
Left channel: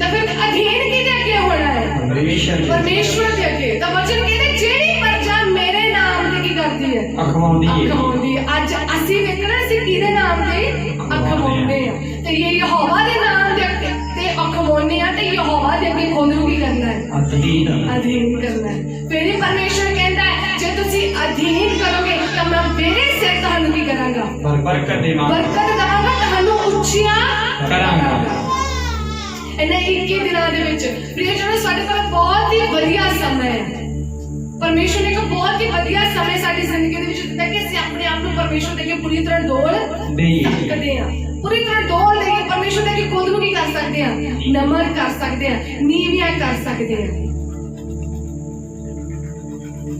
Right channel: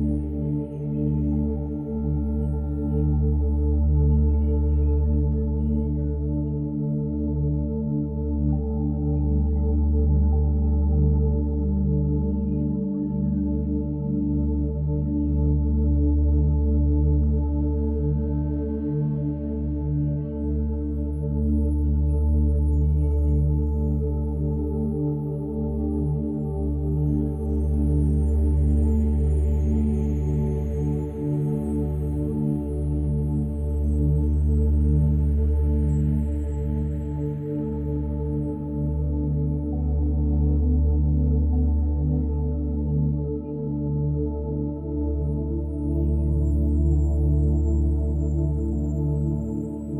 ਤਾਂ ਫਿਰ ਅਧੀਨ ਕਿਹਦੇ ਅੱਗੇ ਹੋਣਾ ਹੈ? ਪਰਮੇਸ਼ਰ ਦੇ ਅੱਗੇ। ਤਾਂ ਵਚਨ ਕਹਿੰਦੇ ਜਿਹੜੀ ਪਰਜਾ ਮੇਰੇ ਨਾਮ ਤੇ ਕੀ ਕਰਦੀ ਹੈ? ਅਖਵਾਉਂਦੀ ਹੈ। ਅਖਵਾਉਂਦੀ ਹੈ। ਅੱਜ ਅਸੀਂ ਵੇਖਣਾ ਅਸੀਂ ਕਿਹਦੇ ਨਾਮ ਤੇ ਅਖਵਾਉਂਦੇ ਆ। ਤੇ ਇਹ ਯਹੋਵਾ ਦੇ ਨਾਮ ਦੇ ਅੱਗੇ ਤੇ ਅਖਵਾਉਂਦੇ ਆ ਤੇ ਯਹੋਵਾ ਦੇ ਅੱਗੇ ਖੁਦ ਨੂੰ ਕੀ ਕਰਨਾ ਹੈ? ਅਧੀਨ ਕਰਨਾ ਹੈ। ਫਿਰ ਹੀ ਪਰਮੇਸ਼ਰ ਕਹਿੰਦਾ ਹੈ ਜੇ ਤੁਸੀਂ ਅਧੀਨ ਕਰੋਗੇ ਤਾਂ ਮੈਂ ਮੇਰੇ ਸਿਰ ਤੁਹਾਨੂੰ ਕੀ ਕਰਾਂਗਾ? ਬਰਕਤ ਦੇਵਾਂਗਾ। ਬਰਕਤ ਦਵਾਂਗਾ, ਤੁਹਾਨੂੰ ਉੱਚੀਆਂ ਕਰਾਂਗਾ। ਇਹਨਾਂ 21 ਦਿਨਾਂ ਦੇ ਵਿੱਚ ਪ੍ਰਿਯਜਨੋ ਸਾਡੇ ਕੋਲ ਬਹੁਤ ਹੀ ਵਧੀਆ ਸਮਾਂ ਹੈ। ਪਰਮੇਸ਼ਰ ਨੇ ਇੱਕ ਬਹੁਤ ਹੀ ਵਧੀਆ ਸਮੇਂ ਸਾਡੀ ਜ਼ਿੰਦਗੀ ਦੇ ਵਿੱਚ ਦਿੱਤਾ ਕਿ ਅਸੀਂ ਆਪਣੇ ਆਪ ਨੂੰ ਪਰਮੇਸ਼ਰ ਦੇ ਅੱਗੇ ਪੂਰੀ ਤਰ੍ਹਾਂ ਡੋਲ ਸਕਦੇ ਹਾਂ। ਪੂਰੀ ਤਰ੍ਹਾਂ ਡੋਲ ਦੇ ਕੇ ਪਰਮੇਸ਼ਰ ਦੇ ਅੱਗੇ ਖੁਦ ਨੂੰ ਕੀ ਕਰ ਸਕਦੇ ਹਾਂ? ਨਮਨ ਕਰ ਸਕਦੇ ਹਾਂ, ਨੀਵੀਆਂ ਕਰ ਸਕਦੇ ਹਾਂ।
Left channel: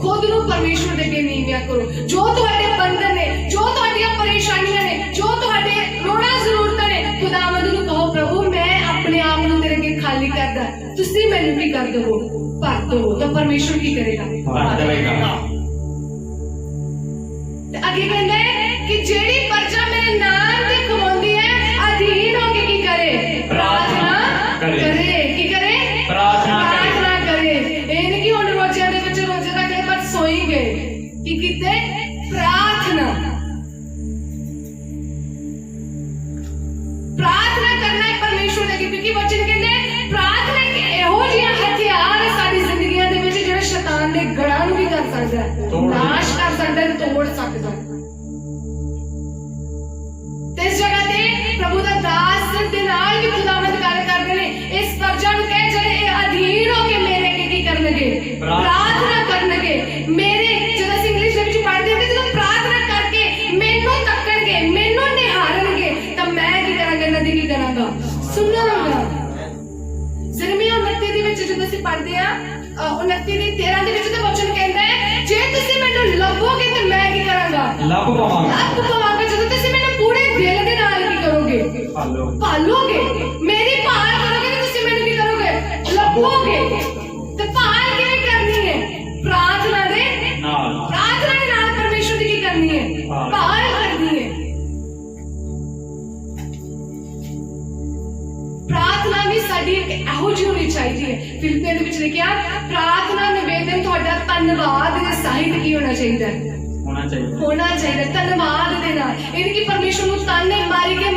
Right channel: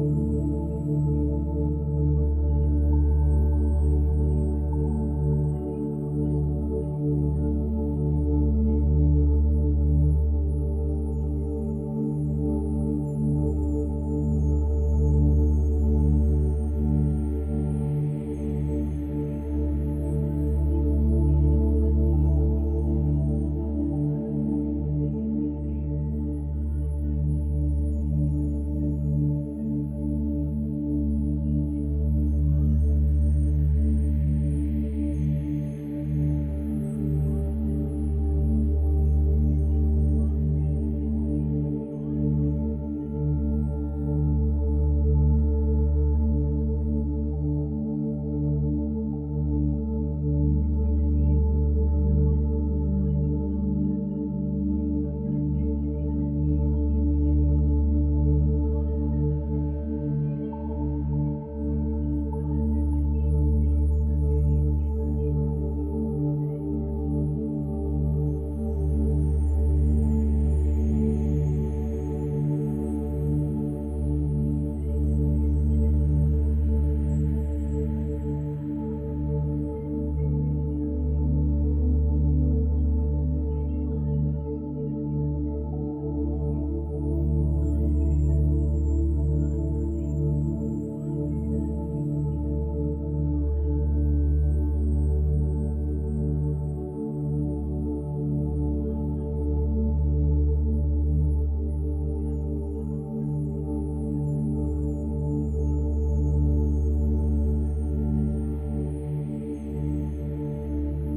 ਖੁਦ ਨੂੰ ਪਰਮੇਸ਼ਰ ਦੇ ਅੱਗੇ ਨੀਵੀਆਂ ਕਰੋ। ਜੋ ਤੁਹਾਡੇ ਬੰਧਨ ਨੇ, ਜੋ ਤੁਹਾਡੀਆਂ ਪਰੇਸ਼ਾਨੀਆਂ ਨੇ, ਜੋ ਤੁਹਾਡੇ ਲੋੜਾਂ ਜ਼ਰੂਰਤਾਂ ਨੇ, ਖੁਦਾਵੰਦ ਨੂੰ ਕਹੋ ਪ੍ਰਭੂ ਮੈਂ ਆਪਣੇ ਆਪ ਨੂੰ ਤੇਰੇ ਅੱਗੇ ਖਾਲੀ ਕਰਦਾ, ਤੁਸੀਂ ਮੈਨੂੰ ਕੀ ਕਰ ਦਿਓ? ਭਰ ਦਿਓ। ਤਾਂ ਪਰਮੇਸ਼ਰ ਕੀ ਕਰੇਗਾ? ਭਰ ਦੇਵੇਗਾ। ਤੇ ਅੱਗੇ ਕਹਿੰਦਾ ਹੈ ਕਿ ਜਿਹੜੀ ਪਰਜਾ ਮੇਰੇ ਨਾਮ ਤੇ ਖਵਾਉਂਦੀ ਹੈ ਅਧੀਨ ਹੋ ਕੇ ਕੀ ਕਰੇ? ਪ੍ਰਾਰਥਨਾ ਕਰੇ। ਕੀ ਕਰੇ? ਪ੍ਰਾਰਥਨਾ ਕਰੇ। ਇਹ ਨਹੀਂ ਕਿ ਹੁਣ ਰੋਜ਼ਿਆਂ ਦੇ ਵਿੱਚ ਰੋਜ਼ੇ ਰੱਖ ਕੇ ਬਸ ਸੋਈ ਗਏ। ਕੀ ਕੀਤੇ? ਪ੍ਰਾਰਥਨਾ ਕਰਨਾ ਹੈ ਪਰਮੇਸ਼ਰ ਦੇ ਅੱਗੇ। ਕਿਉਂਕਿ ਵਚਨ ਕਹਿੰਦੇ ਪ੍ਰਾਰਥਨਾ ਇੱਕ ਇਹੋ ਜਿਹਾ ਹਥਿਆਰ ਹੈ ਸਾਡੀ ਜ਼ਿੰਦਗੀਆਂ ਦੇ ਵਿੱਚ ਜਿਹੜਾ ਸ਼ੈਤਾਨ ਦੇ ਗੜਾਂ ਨੂੰ ਵੀ ਕਰ ਸਕਦਾ ਹੈ, ਨਾਸ਼ ਕਰ ਸਕਦਾ ਹੈ, ਤੋੜ ਸਕਦਾ ਹੈ। ਤੇ ਇਸ ਜਗ੍ਹਾ ਤੇ ਪ੍ਰਭੂ ਦਾ ਦਾਸ ਦੇ ਨਾਲ ਵੀ ਖੁਦਾਵੰਦ ਗੱਲ ਕਰਦੇ ਨੇ ਇਸ ਪਰਜਾ ਨੂੰ ਕਹੇ ਜਿਹੜੇ ਇਹ ਅਧੀਨ ਹੋ ਕੇ ਮੇਰੇ ਅੱਗੇ ਕੀ ਕਰਨਗੇ? ਪ੍ਰਾਰਥਨਾ ਕਰਨਗੇ। ਮੇਰੇ ਜਦੋਂ ਅਸੀਂ ਇੰਗਲਿਸ਼ ਦੇ ਵਿੱਚ ਪੜ੍ਹਦੇ ਹਾਂ ਜਦੋਂ ਪ੍ਰਾਰਥਨਾ ਕਰਕੇ ਮੈਨੂੰ ਤੱਕਣਗੇ, ਮੈਨੂੰ ਨਿਹਾਰਨਗੇ ਤਾਂ ਮੈਂ ਕੀ ਕਰਾਂਗਾ? ਇਹਨਾਂ ਦੀ ਕੀ ਕਰਾਂਗਾ? ਸੁਣਾਂਗਾ। ਯਿਰਮੀਆ 29 ਦੇ ਵਿੱਚ ਜਦੋਂ ਅਸੀਂ ਪੜ੍ਹਦੇ ਹਾਂ 29 ਦੀ 13 ਦੇ ਵਿੱਚ ਤਾਂ ਵਚਨ ਕਹਿੰਦਾ ਹੈ ਜੇ ਤੁਸੀਂ ਮੈਨੂੰ ਲੱਭੋਗੇ ਤਾਂ ਮੈਂ ਕੀ ਕਰਾਂਗਾ? ਲੱਭ ਪਾਵਾਂਗਾ। ਲੱਭ ਪਾਵਾਂਗਾ। ਜਦੋਂ ਤੁਸੀਂ ਮੈਨੂੰ ਪੂਰੇ ਦਿਲ ਦੇ ਨਾਲ ਕੀ ਕਰੋਗੇ? ਭਾਲੋਗੇ। ਮੇਰੀ ਭਾਲ ਕਰੋਗੇ ਤਾਂ ਤੁਸੀਂ ਮੈਨੂੰ ਕੀ ਕਰੋਗੇ? ਲੱਭੋਗੇ। ਤੇ ਭਾਲ ਕਿਵੇਂ ਕਰਨੀ ਹੈ? ਪ੍ਰਾਰਥਨਾ ਦੇ ਨਾਲ। ਪ੍ਰਾਰਥਨਾ ਦੇ ਨਾਲ ਪਰਮੇਸ਼ਰ ਦੀ ਕੀ ਕਰਨੀ ਹੈ? ਭਾਲ ਕਰਨੀ ਹੈ। ਪ੍ਰਾਰਥਨਾ ਵੀ ਸਾਡੀ ਇੱਕ ਇਹੋ ਜਿਹੀ ਹੋਣੀ ਚਾਹੀਦੀ ਹੈ। ਫਿਲਿੱਪੀਆਂ ਦੇ ਵਿੱਚ ਲਿਖਿਆ ਪ੍ਰਾਰਥਨਾ ਨਿਵੇਦਨ ਤੁਹਾਡਾ ਧੰਨਵਾਦ ਦੇ ਸਾਹਿਤ ਕੀ ਹੋਣਾ ਚਾਹੀਦਾ ਹੈ? ਹੋਣਾ ਚਾਹੀਦਾ ਧੰਨਵਾਦ ਦੇ ਨਾਲ। ਇਹ ਨਹੀਂ ਕਿ ਪਰਮੇਸ਼ਰ ਨੂੰ ਤਾਨੇ ਮਾਰੀਗੇ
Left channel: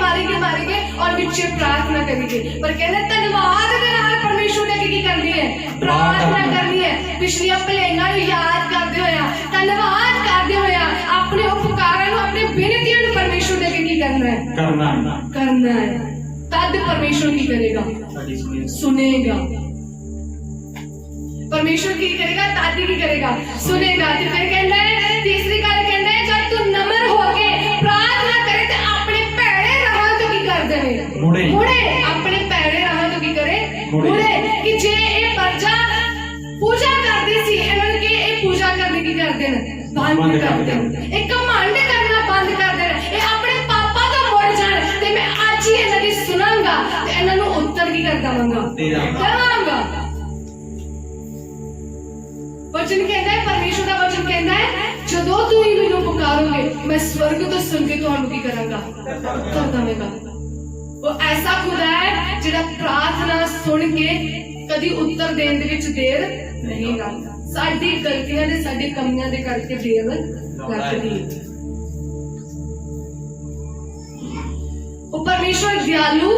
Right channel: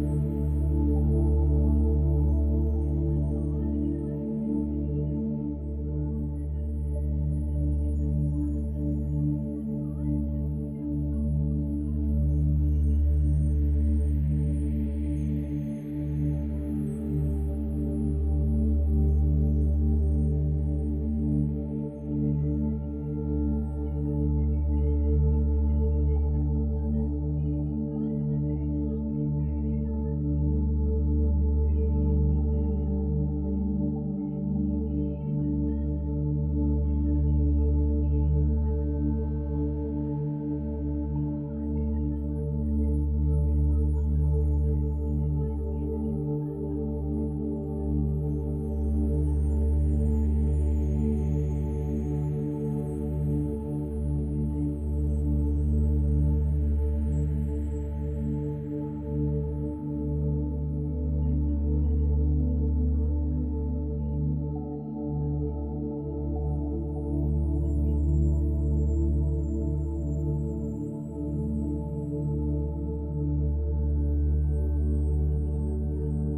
ਔਰ ਵਿੱਚ ਪ੍ਰਾਰਥਨਾ ਕਰੀਏ, ਪਰ ਕਹਿੰਦੇ ਧੰਨਵਾਦ ਦੇ ਨਾਲ ਪਰਮੇਸ਼ਰ ਦੇ ਅੱਗੇ ਕੀ ਕਰਨੀ ਹੈ? ਪ੍ਰਾਰਥਨਾ ਕਰਨੀ ਹੈ। ਪਿਛਲੀਆਂ ਭਲਾਈਆਂ ਨੂੰ ਯਾਦ ਕਰਦੇ ਹੋਇਆ, ਧੰਨਵਾਦ ਕਰਦੇ ਹੋਇਆ, ਆਪਣੇ ਉਪਕਾਰਾਂ ਨੂੰ, ਆਪਣੇ ਬੇਨਤੀਆਂ ਨੂੰ ਪਰਮੇਸ਼ਰ ਦੇ ਅੱਗੇ ਕੀ ਕਰਨਾ ਹੈ? ਕਰਨਾ ਹੈ। ਤਦ ਪਰਮੇਸ਼ਰ ਕੀ ਕਰੇਗਾ? ਸੁਨੇਗਾ। ਪਰਮੇਸ਼ਰ ਕੀ ਕਰੇਗਾ? ਦਾਦੀ ਕੀ ਕਰੇਗਾ? ਸੁਨੇਗਾ। ਤੇ ਫਿਰ ਕਹਿੰਦਾ ਹੈ ਤੀਸਰੀ ਗੱਲ ਕਹਿੰਦਾ ਹੈ ਜਦ ਤੂੰ ਨਮਰ ਹੋ ਕੇ ਪ੍ਰਾਰਥਨਾ ਕਰੇ ਤੇ ਆਪਣੇ ਭੈੜੇ ਰਾਹਾਂ ਤੋਂ ਕੀ ਕਰ ਦੇਵੇ? ਮੁੜੇ। ਆਪਣੇ ਭੈੜੇ ਰਾਹਾਂ ਤੋਂ ਕੀ ਕਰੇ? ਮੁੜੇ। ਕਿ ਜੇ ਇਹ ਪਰਜਾ ਪੂਜਾ ਕਰਦੀ ਸੀ ਇਹਨਾਂ ਨੂੰ ਕਿ ਇਹ ਪੂਜਾ ਕਰਨੀ ਕੀ ਕਰਦੇ ਨੇ? ਬੰਦ ਕਰ ਦੇਣ। ਇਹ ਘਮੰਡ ਕਰਨਾ ਬੰਦ ਕਰ ਦੇਣ। ਇਹ ਆਪਣੇ ਪਾਪਾਂ ਤੋਂ ਮੁੜ ਜਾਣ ਤੇ ਮੈਂ ਅੱਜ ਹੀ ਇਹਨਾਂ ਦੀ ਸੁਣਾਂਗਾ ਤੇ ਇਹਨਾਂ ਨੂੰ ਉੱਤਰ ਕੀ ਕਰ ਦਵਾਂਗਾ? ਦੇਵਾਂਗਾ। ਵਚਨ ਕਹਿੰਦਾ ਹੈ ਪਰਮੇਸ਼ਰ ਦਾ ਵਚਨ ਕਹਿੰਦਾ ਹੈ ਜਦੋਂ ਤੁਸੀਂ ਮੈਨੂੰ ਪੁਕਾਰੋਗੇ ਮੈਂ ਸਵਰਗ ਤੋਂ ਸੁਣ ਕੇ ਤੁਹਾਨੂੰ ਕੀ ਕਰਾਂਗਾ? ਉੱਤਰ ਦੇਵਾਂਗਾ। ਉਹ ਐਸਾ ਖੁਦਾ ਹੈ ਜਿਹੜਾ ਪ੍ਰਾਰਥਨਾ ਸੁਣ ਕੇ ਕਦੀ ਉੱਤਰ ਦੇਣ ਦੇ ਵਿੱਚ ਦੇਰ ਨਹੀਂ ਕਰਦਾ। ਸਾਡੀ ਗਲਤੀਆਂ ਦੇ ਸਾਡੇ ਕਮੀਆਂ ਦੇ ਕਰਕੇ ਦੇਰ ਲੱਗਦੀ ਹੈ। ਉਹ ਪਰਮੇਸ਼ਰ ਦਿਆਲੂ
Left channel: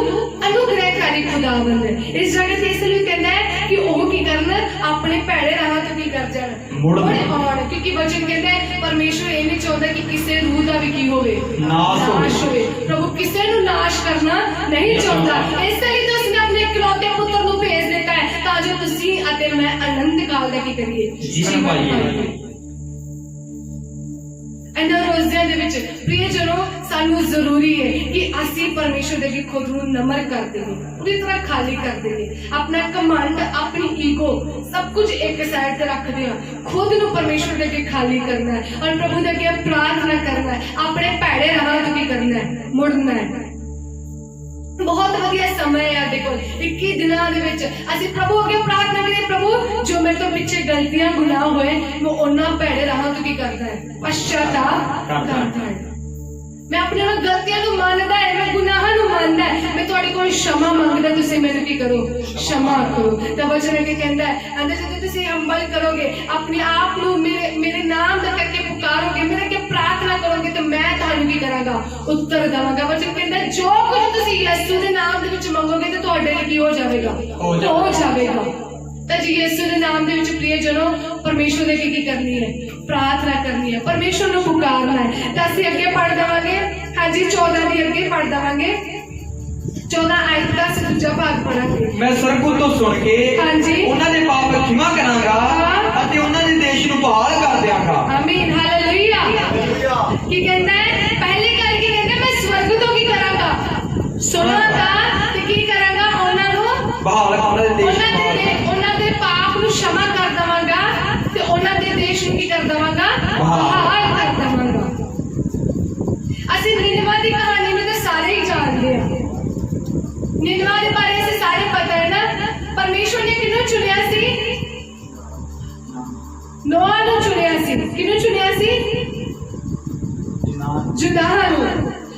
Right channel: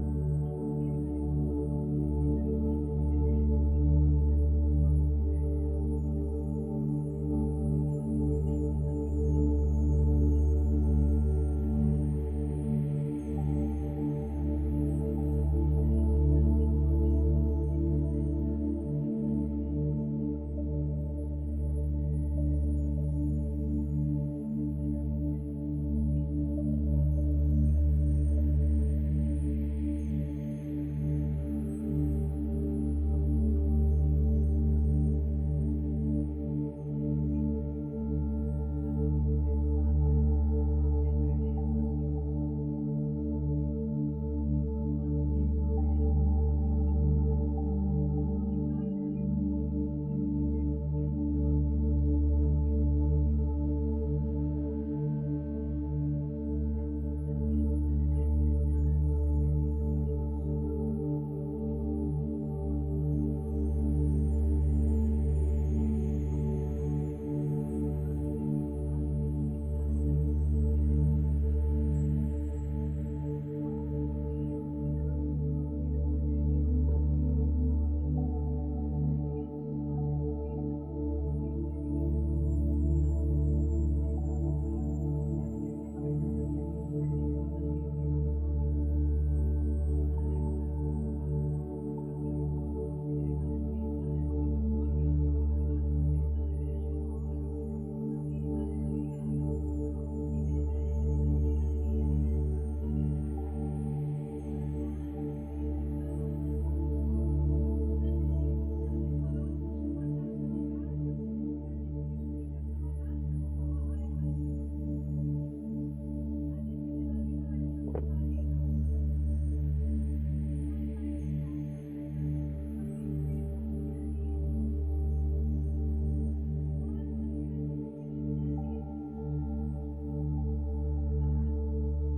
ਅਨੁਗ੍ਰਹਕਾਰੀ ਖੁਦਾਵੰਦ ਹੈ। ਇਸ ਜਗ੍ਹਾ ਤੇ ਇਸ ਲਈ ਕਹਿੰਦਾ ਹੈ ਕਿ ਉਹ ਕੀ ਕਰਨ? ਆਪਣੇ ਭੈੜੇ ਰਾਹਾਂ ਤੋਂ ਕੀ ਕਰ ਜਾਣ? ਮੁੜ ਆਉਣ। ਕਿਉਂਕਿ क्योंकि वचन कहता है परमेश्वर ये नहीं चाहता कि किसी रूह का भी की होवे नाश होवे। प्रभु किसी नु नाश करना नहीं चाहता, इसलिए तो उसने अपने इकलौते पुत्र को भेज देता है ताकि तुसी अते मैं अनंत काल दा की करिए जीवन पाइए। ਇਹਨਾਂ ਰੋਜ਼ਿਆਂ ਦੇ ਵਿੱਚ ਪ੍ਰਿਯਜਨੋ ਸਾਨੂੰ ਜ਼ਰੂਰੀ ਹੈ ਕਿ ਅਸੀਂ ਪਰਮੇਸ਼ਰ ਦੇ ਅੱਗੇ ਖੁਦ ਨੂੰ ਨਮਰ ਕਰ ਦੇਈਏ, ਪੂਰੀ ਤਰ੍ਹਾਂ ਖਾਲੀ ਕਰ ਦੇਈਏ, ਆਪਣਾ ਕਮਾਂਡ ਆਪਣੀ ਈਗੋ ਸਭ ਕੁਝ ਇੱਕ ਸਾਈਡ ਤੇ ਰੱਖਦੇ ਹਾਂ, ਖੁਦ ਨੂੰ ਪਰਮੇਸ਼ਰ ਦੇ ਅੱਗੇ ਖਾਲੀ ਕਰਨਾ ਹੈ ਔਰ ਪ੍ਰਭੂ ਦੇ ਅੱਗੇ ਪ੍ਰਾਰਥਨਾ ਕਰਨਾ ਹੈ, ਆਪਣੇ ਭੈੜੇ ਰਾਹਾਂ ਤੋਂ ਕੀ ਕਰਨਾ ਹੈ, ਮੁੜਨਾ ਹੈ। बहुत वधिया समय है देखो 21 दिनों ਦੇ ਵਿੱਚ ਅਸੀਂ ਪ੍ਰਭੂ ਅੱਗੇ ਪ੍ਰਾਰਥਨਾ ਕਰੀਏ, ਪ੍ਰਭੂ ਜੋ ਮੇਰੇ ਤੋਂ ਪਿੱਛੇ ਗਲਤੀਆਂ ਗੁਨਾਹ ਹੋਏ ਮੈਂ ਉਹਨਾਂ ਭੈੜੇ ਰਾਹਾਂ ਤੋਂ ਕੀ ਕਰਦਾ ਹੈ, ਪਛਤਾਵਾ ਕਰਦਾ ਹੈ। मैं अपने गलतियां ਨੂੰ ਮੰਨਦਾ ਹੈ, मैं ਗੁਨਾਹਾਂ ਨੂੰ ਮੰਨਦਾ ਹੈ, मैं ਤੁਹਾਡੇ ਕੋਲ क्षमा ਮੰਗਦਾ, ਤੁਸੀਂ ਮੈਨੂੰ ਕੀ ਕਰੋ, क्षमा ਕਰੋ। ਤਾਂ ਵਚਨ ਅੱਗੇ ਕਹਿੰਦਾ ਹੈ ਅੰਦਰ ਜਦੋਂ ਤੁਸੀਂ ਹੰਬਲ ਕਰੋਗੇ, ਆਪਣੇ ਆਪ ਨੂੰ ਮੇਰੇ ਨਾਮ ਦਾ ਕਰਕੇ ਪੁਕਾਰੋਗੇ, ਮੇਰੇ ਅੱਗੇ ਪ੍ਰਾਰਥਨਾ ਕਰੋਗੇ ਤਾਂ ਮੈਂ ਤੁਹਾਨੂੰ ਕੀ ਕਰਾਂਗਾ, ਉੱਤਰ ਦੇਵਾਂਗਾ। ਵਚਨ ਕਹਿੰਦਾ ਜੋ ਕੁਝ ਤੁਸੀਂ ਯਿਸੂ ਦੇ ਨਾਮ ਦੇ ਵਿੱਚ ਮੰਗੋਗੇ ਤਾਂ ਤੁਹਾਡੇ ਲਈ ਕੀ ਹੋ ਜਾਵੇਗਾ, ਹੋ ਜਾਵੇਗਾ। ਤਾਂ ਜੀ ਯਿਸੂ ਦੇ ਨਾਮ ਦੇ ਵਿੱਚ ਪ੍ਰਿਯਜਨੋ ਪਰਮੇਸ਼ਰ ਦੇ ਅੱਗੇ ਕੀ ਕਰਨੀ ਹੈ, प्रार्थना करनी है, परमेश्वर को पुकारना है। तो ਅਸੀਂ ਅੱਗੇ ਪੜ੍ਹ ਦਵਾਂਗੇ, ਹਾਂਜੀ 14 ਦੀ ਅੱਗੇ ਪੜ੍ਹ ਦਵਾਂਗੇ, 14 ਆਇਤ ਦਾ ਅਸੀਂ ਦੂਜਾ ਭਾਗ ਪੜਾਂਗੇ। ਮੈਂ ਸਰਕੂਲ ਤੋਂ ਸੁਣ ਕੇ ਹਾਂਜੀ ਉਹਨਾਂ ਦੇ ਪਾਪ ਖਿਮਾ ਕਰਾਂਗਾ ਅਤੇ ਉਹਨਾਂ ਦੇ ਦੇਸ਼ ਨੂੰ ਬਹਾਲ ਕਰ ਦਿਆਂਗਾ। ਆਮੀਨ ਹਾਲੇਲੂਇਆ। ਕੀ ਕਹਿੰਦਾ ਹੈ, ਪਹਿਲੀ ਗੱਲ ਕੀ ਕਹਿੰਦਾ, ਮੈਂ ਸਵਰਗ ਤੋਂ ਕੀ ਕਰਾਂਗਾ, ਸੁਣਾਂਗਾ ਤੇ ਕੀ ਕਰਾਂਗਾ, ਉਹਨਾਂ ਨੂੰ ਬਹਾਲ, ਉਹਨਾਂ ਦੇ ਦੇਸ਼ ਉਹਨਾਂ ਦੇ ਪਾਪ ਨੂੰ क्षमा ਕਰ ਦਵਾਂਗਾ ਤੇ ਉਹਨਾਂ ਦੇ ਦੇਸ਼ ਨੂੰ ਕੀ ਕਰ ਦਵਾਂਗਾ, ਬਹਾਲ ਕਰ ਦਵਾਂਗਾ। ਅਸੀਂ ਨਿਨਵਾ ਦੀ ਕਹਾਣੀ ਨੂੰ ਤਾਂ ਸਾਰੇ ਹੀ ਜਾਣਦੇ ਹਾਂ, ਨਿਨਵਾ ਦੇ ਬਾਰੇ ਅਸੀਂ ਸਾਰੇ ਪਤਾ ਹੈ ਨਾ। ਪਰਮੇਸ਼ਵਰ ਨੇ ਕਿਹਨੂੰ ਚੁਣਿਆ ਸੀ, ਨੋਆ ਨੂੰ ਚੁਣਿਆ ਸੀ। ਕਿਹਨੂੰ ਚੁਣਿਆ ਸੀ, ਜੁਨਾਹ ਨੂੰ।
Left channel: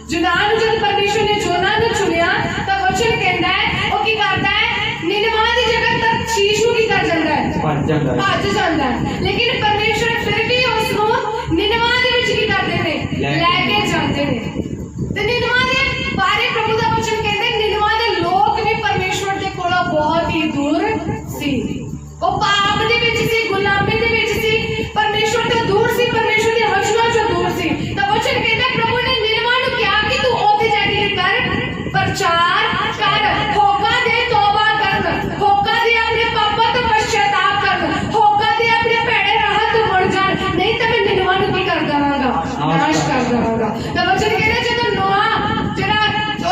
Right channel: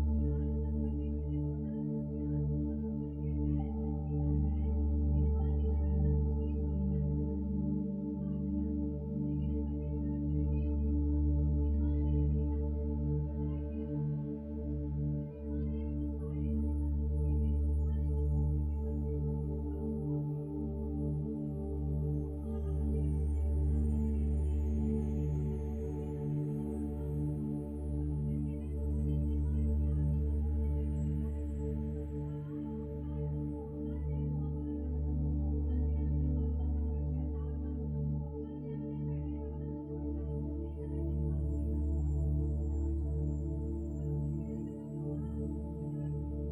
ਜੁਨਾਹ ਨੂੰ ਜਦ ਪਰਮੇਸ਼ਵਰ ਨੇ ਜੋਨਾ ਨੂੰ ਚੁਣਿਆ ਤਾਂ ਵਚਨ ਕਹਿੰਦਾ ਹੈ ਉਹ ਕੀ ਕਰਦਾ ਹੈ, ਨਿਨਵਾ ਦੀ ਜਗ੍ਹਾ ਤਰਸ਼ੀਸ਼ ਨੂੰ ਕੀ ਕਰ ਜਾਂਦਾ ਹੈ, ਭੱਜ ਜਾਂਦਾ ਹੈ। ਲੇਕਿਨ ਪਰਮੇਸ਼ਵਰ ਫਿਰ ਵੀ ਉਸ ਨੂੰ ਨਿਨਵਾ ਦੇ ਵਿੱਚ ਕੀ ਕਰਦੇ ਨੇ, ਲੈ ਕੇ ਜਾਂਦੇ ਨੇ। ਤੇ ਨਿਨਵਾ ਦੇ ਬਾਰੇ ਪ੍ਰਭੂ ਦਾ ਵਚਨ ਕਹਿੰਦੇ ਨਿਨਵਾ ਦੇ ਲੋਕ ਵੀ ਪਰਮੇਸ਼ਵਰ ਦੇ ਕੋਲੋਂ ਬਹੁਤ ਹੀ ਦੂਰ ਸੀ, ਉਹ ਪਾਪ ਦੇ ਵਿੱਚ ਸੀ, ਗੁਲਾਮੀ ਦੇ ਵਿੱਚ ਸੀ, ਪਰਮੇਸ਼ਵਰ ਤੋਂ ਦੂਰ ਸੀ, ਪਰਮੇਸ਼ਵਰ ਦੇ ਵਚਨਾਂ ਤੋਂ ਦੂਰ ਸੀ। ਤਾਂ ਵਚਨ ਕਹਿੰਦਾ ਪ੍ਰਭੂ ਨੇ ਨਿਨਵਾ ਨੂੰ ਕਿਹਾ ਕਿ ਤੂੰ ਉੱਥੇ ਜਾ ਕੇ ਕਰ, ਪ੍ਰਚਾਰ ਕਰ, ਹੋਕਾ ਦੇ, ਤੋਬਾ ਕਰਨ, ਹੋਕਾ ਦੇ ਆਪਣੇ ਪਾਪਾਂ ਤੋਂ ਪਛਤਾਵਾ ਕਰਨ, ਹੋਕਾ ਦੇ ਆਪਣੇ ਭੈੜੇ ਰਾਹਾਂ ਤੋਂ ਮੁੜ ਜਾਣ, ਨਹੀਂ ਤਾਂ ਮੈਂ ਨਿਨਵਾ ਨੂੰ ਕੀ ਕਰ ਦੇਵਾਂਗਾ, ਨਾਸ਼ ਕਰ ਦੇਵਾਂਗਾ। ਤਾਂ ਵਚਨ ਕਹਿੰਦਾ ਜਦੋਂ ਨੋਆ ਜਿਹੜਾ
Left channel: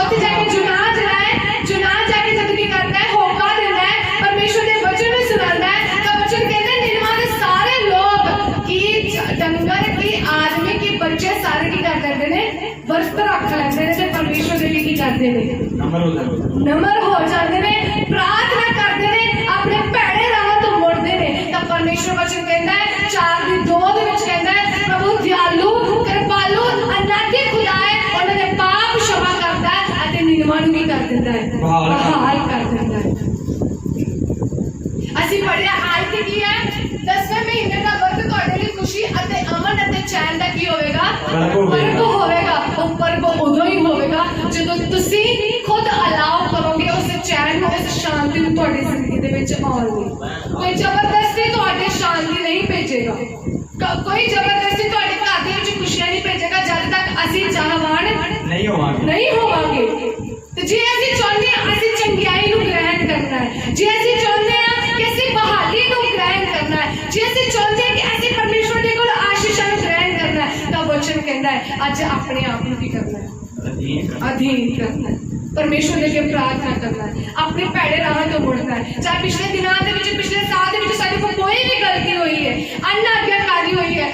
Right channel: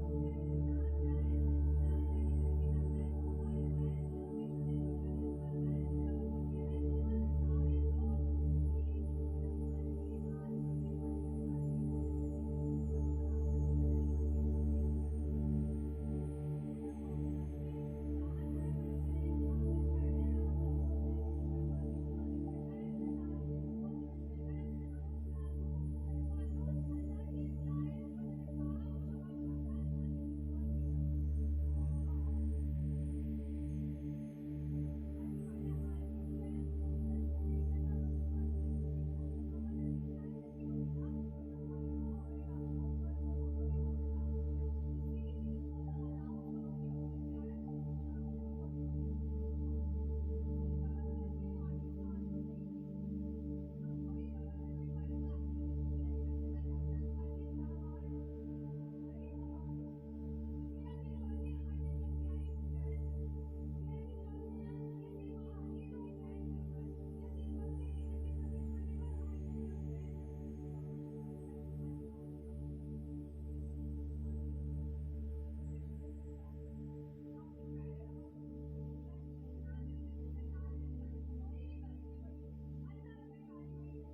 ਉੱਥੇ ਜਾ ਕੇ ਜੁਨਾਹ ਜਿਹੜਾ ਹੈ, ਜੁਨਾਹ ਜਾ ਕੇ ਜਦ ਕੀ ਕਰਦਾ ਹੈ, ਹੋਕਾ ਦਿੰਦਾ ਹੈ, ਪਰਮੇਸ਼ਵਰ ਦੇ ਵਚਨ ਨੂੰ ਸੁਣਾਉਂਦਾ ਹੈ, ਤਾਂ ਵਚਨ ਕਹਿੰਦਾ ਨਿਨਵਾ ਦੇ ਸਾਰੇ ਲੋਕ ਕੀ ਡੰਗਰ ਕੀ ਆਦਮੀ ਕੀ ਬੱਚੇ ਸਾਰੇ ਕੀ ਕਰ ਲੈਂਦੇ ਨੇ, ਵਰਤ ਰੱਖ ਲੈਂਦੇ ਨੇ ਤੇ ਪਰਮੇਸ਼ਵਰ ਦੇ ਲਈ ਕੀ ਕਰਦੇ ਨੇ, ਨਮਰ ਹੋ ਜਾਂਦੇ ਨੇ, ਪ੍ਰਾਰਥਨਾ ਕਰਦੇ ਨੇ, ਆਪਣੇ ਭੈੜੇ ਰਾਹਾਂ ਤੋਂ ਮੁੜਦੇ ਨੇ। ਤਾਂ ਪਰਮੇਸ਼ਵਰ ਵਚਨ ਕਹਿੰਦਾ ਹੈ 4:2 ਦੇ ਵਿੱਚ ਕਹਿੰਦਾ ਹੈ ਪ੍ਰਭੂ ਦਿਆਲੂ, ਕਿਰਪਾਲੂ, ਅਨਾਦੀ ਖੁਦਾ ਹੈ, ਉਹਨਾਂ ਦੇ ਪਾਪ क्षमा ਕਰਦਾ ਹੈ ਅਤੇ ਨਿਨਵਾ ਨੂੰ ਕੀ ਕਰ ਦਿੰਦਾ ਹੈ, ਬਹਾਲ ਕਰ ਦਿੰਦਾ ਹੈ। ਅਸੀਂ ਪੜਿਆ ਆਇਤ ਕੀ ਹੈ, 10ਵੇਂ ਮਹੀਨੇ ਦਾ ਵਰਤ ਤੁਹਾਡੇ ਲਈ ਖੁਸ਼ੀ ਅਤੇ ਅਮਨ ਅਤੇ ਚੈਨ ਦਾ ਕੀ ਹੋਵੇਗਾ, ਪਰਬ ਹੋਵੇਗਾ। ਉਹ ਪਰਬ ਉਦੋਂ ਹੀ ਹੋਵੇਗਾ ਜਦੋਂ ਤੁਸੀਂ ਖੁਦ ਅਲਾਉ ਕਰੋਗੇ ਉਸ ਚੈਨ ਨੂੰ, ਉਸ ਸ਼ਾਂਤੀ ਨੂੰ ਤੁਹਾਡੀ ਜ਼ਿੰਦਗੀ ਦੇ ਵਿੱਚ ਆਉਣ ਲਈ। ਕੋਈ ਜ਼ਬਰਦਸਤੀ ਤੁਹਾਡੇ ਸ਼ਾਂਤੀ ਨਹੀਂ ਭੇਜੇਗਾ, ਕੋਈ ਜ਼ਬਰਦਸਤੀ ਤੁਹਾਡੇ ਘਰ ਦੇ ਵਿੱਚ ਖੁਸ਼ੀਆਂ ਨਹੀਂ ਭੇਜੇਗਾ ਜਦ ਤੱਕ ਅਸੀਂ ਚਾਹਵਾਨ ਨਹੀਂ ਹੋਵਾਂਗੇ। ਤੇ ਜੇ ਅਸੀਂ ਚਾਹੁੰਦੇ ਹਾਂ ਅਸੀਂ ਚੰਗਿਆਈ ਨੂੰ ਗ੍ਰਹਿਣ ਕਰਨਾ ਹੈ, ਜੇ ਅਸੀਂ ਚਾਹੁੰਦੇ ਹਾਂ ਕਿ ਅਸੀਂ ਬਹਾਲੀ ਨੂੰ ਗ੍ਰਹਿਣ ਕਰਨਾ ਹੈ, ਜੇ ਅਸੀਂ ਚਾਹੁੰਦੇ ਹਾਂ ਕਿ ਅਸੀਂ ਪਰਮੇਸ਼ਵਰ ਦੇ ਕੋਲ ਆਸ਼ੀਸ਼ਾਂ ਨੂੰ ਗ੍ਰਹਿਣ ਕਰਨਾ ਹੈ, ਤਾਂ ਵਚਨ ਕਹਿੰਦਾ ਹੈ ਅੱਜ ਆਪਣੇ ਆਪ ਨੂੰ ਕੀ ਕਰਨਾ ਹੈ, ਅਧੀਨ ਕਰਨਾ ਹੈ, ਪਰਮੇਸ਼ਵਰ ਦੇ ਅੱਗੇ ਪ੍ਰਾਰਥਨਾ ਕਰਨਾ ਹੈ, ਆਪਣੇ ਭੈੜੇ ਰਾਹਾਂ ਤੋਂ ਮੁੜਨਾ ਹੈ। ਚਾਹੇ ਪਿਛਲੇ ਦਿਨਾਂ ਦੇ ਵਿੱਚ, ਪਿਛਲੇ ਸਾਲ ਦੇ ਵਿੱਚ ਸਾਡੇ ਕੋਲ ਕੋਈ ਵੀ ਗਲਤੀ ਹੋਈ ਹੈ, ਅਨਾਗਿਆਕਾਰੀ ਹੋਈ ਹੈ,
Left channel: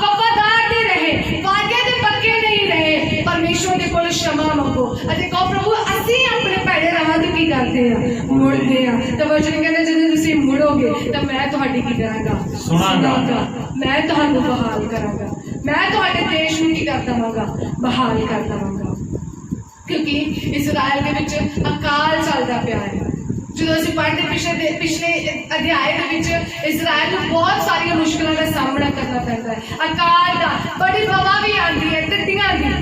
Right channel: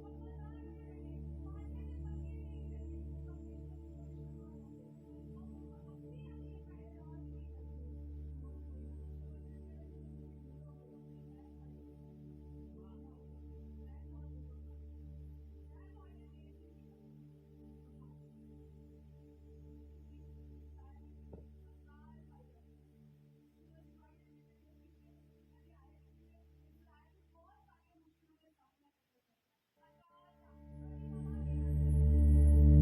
ਵਫਾਦਾਰ ਨਹੀਂ ਰਹੇ, ਵਾਅਦਿਆਂ ਦੇ ਪੱਕੇ ਨਹੀਂ ਰਹੇ, ਪਰਮੇਸ਼ਵਰ ਦੇ ਕੋਲ क्षमा ਮੰਗੋ ਅਤੇ ਕਹੋ ਪ੍ਰਭੂ ਅਸੀਂ ਆਪਣੇ ਭੈੜੇ ਰਾਹਾਂ ਤੋਂ ਕੀ ਕਰਦੇ ਹਾਂ, ਮੁੜਦੇ ਹਾਂ। ਤਾਂ ਵਚਨ ਕਹਿੰਦਾ ਜਦੋਂ ਤੁਸੀਂ ਮੁੜੋਗੇ ਤਾਂ ਮੈਂ ਤੁਹਾਡੀ ਕੀ ਕਰਾਂਗਾ, ਸੁਣਾਂਗਾ, ਮੈਂ ਤੁਹਾਨੂੰ ਬਹਾਲ ਕਰਾਂਗਾ, ਮੈਂ ਤੁਹਾਡੇ ਦੇਸ਼ ਨੂੰ ਕੀ ਕਰ ਦੇਵਾਂਗਾ, ਬਹਾਲ ਕਰ ਦੇਵਾਂਗਾ। ਕਿਉਂਕਿ ਇਸਰਾਇਲ ਦੇ ਵਿੱਚ ਅਕਾਲ ਚੱਲਦਾ ਪਿਆ ਹੈ। ਜਦੋਂ ਅਸੀਂ ਪੜ੍ਹਦੇ ਪਿਛਲੇ ਅਧਿਆਏ ਦੇ ਵਿੱਚ ਇਸਰਾਇਲ ਨੂੰ ਬਹੁਤ ਸਾਰੀਆਂ ਮੁਸ਼ਕਲਾਂ ਦਾ ਸਾਹਮਣਾ ਕਰਨਾ ਪੈਂਦਾ ਹੈ, ਅਕਾਲ ਦਾ, ਬੜੀ ਹਵਾ ਵੀ ਆਉਂਦੀ ਹੈ, ਟੱਟੀਆਂ ਦੀ,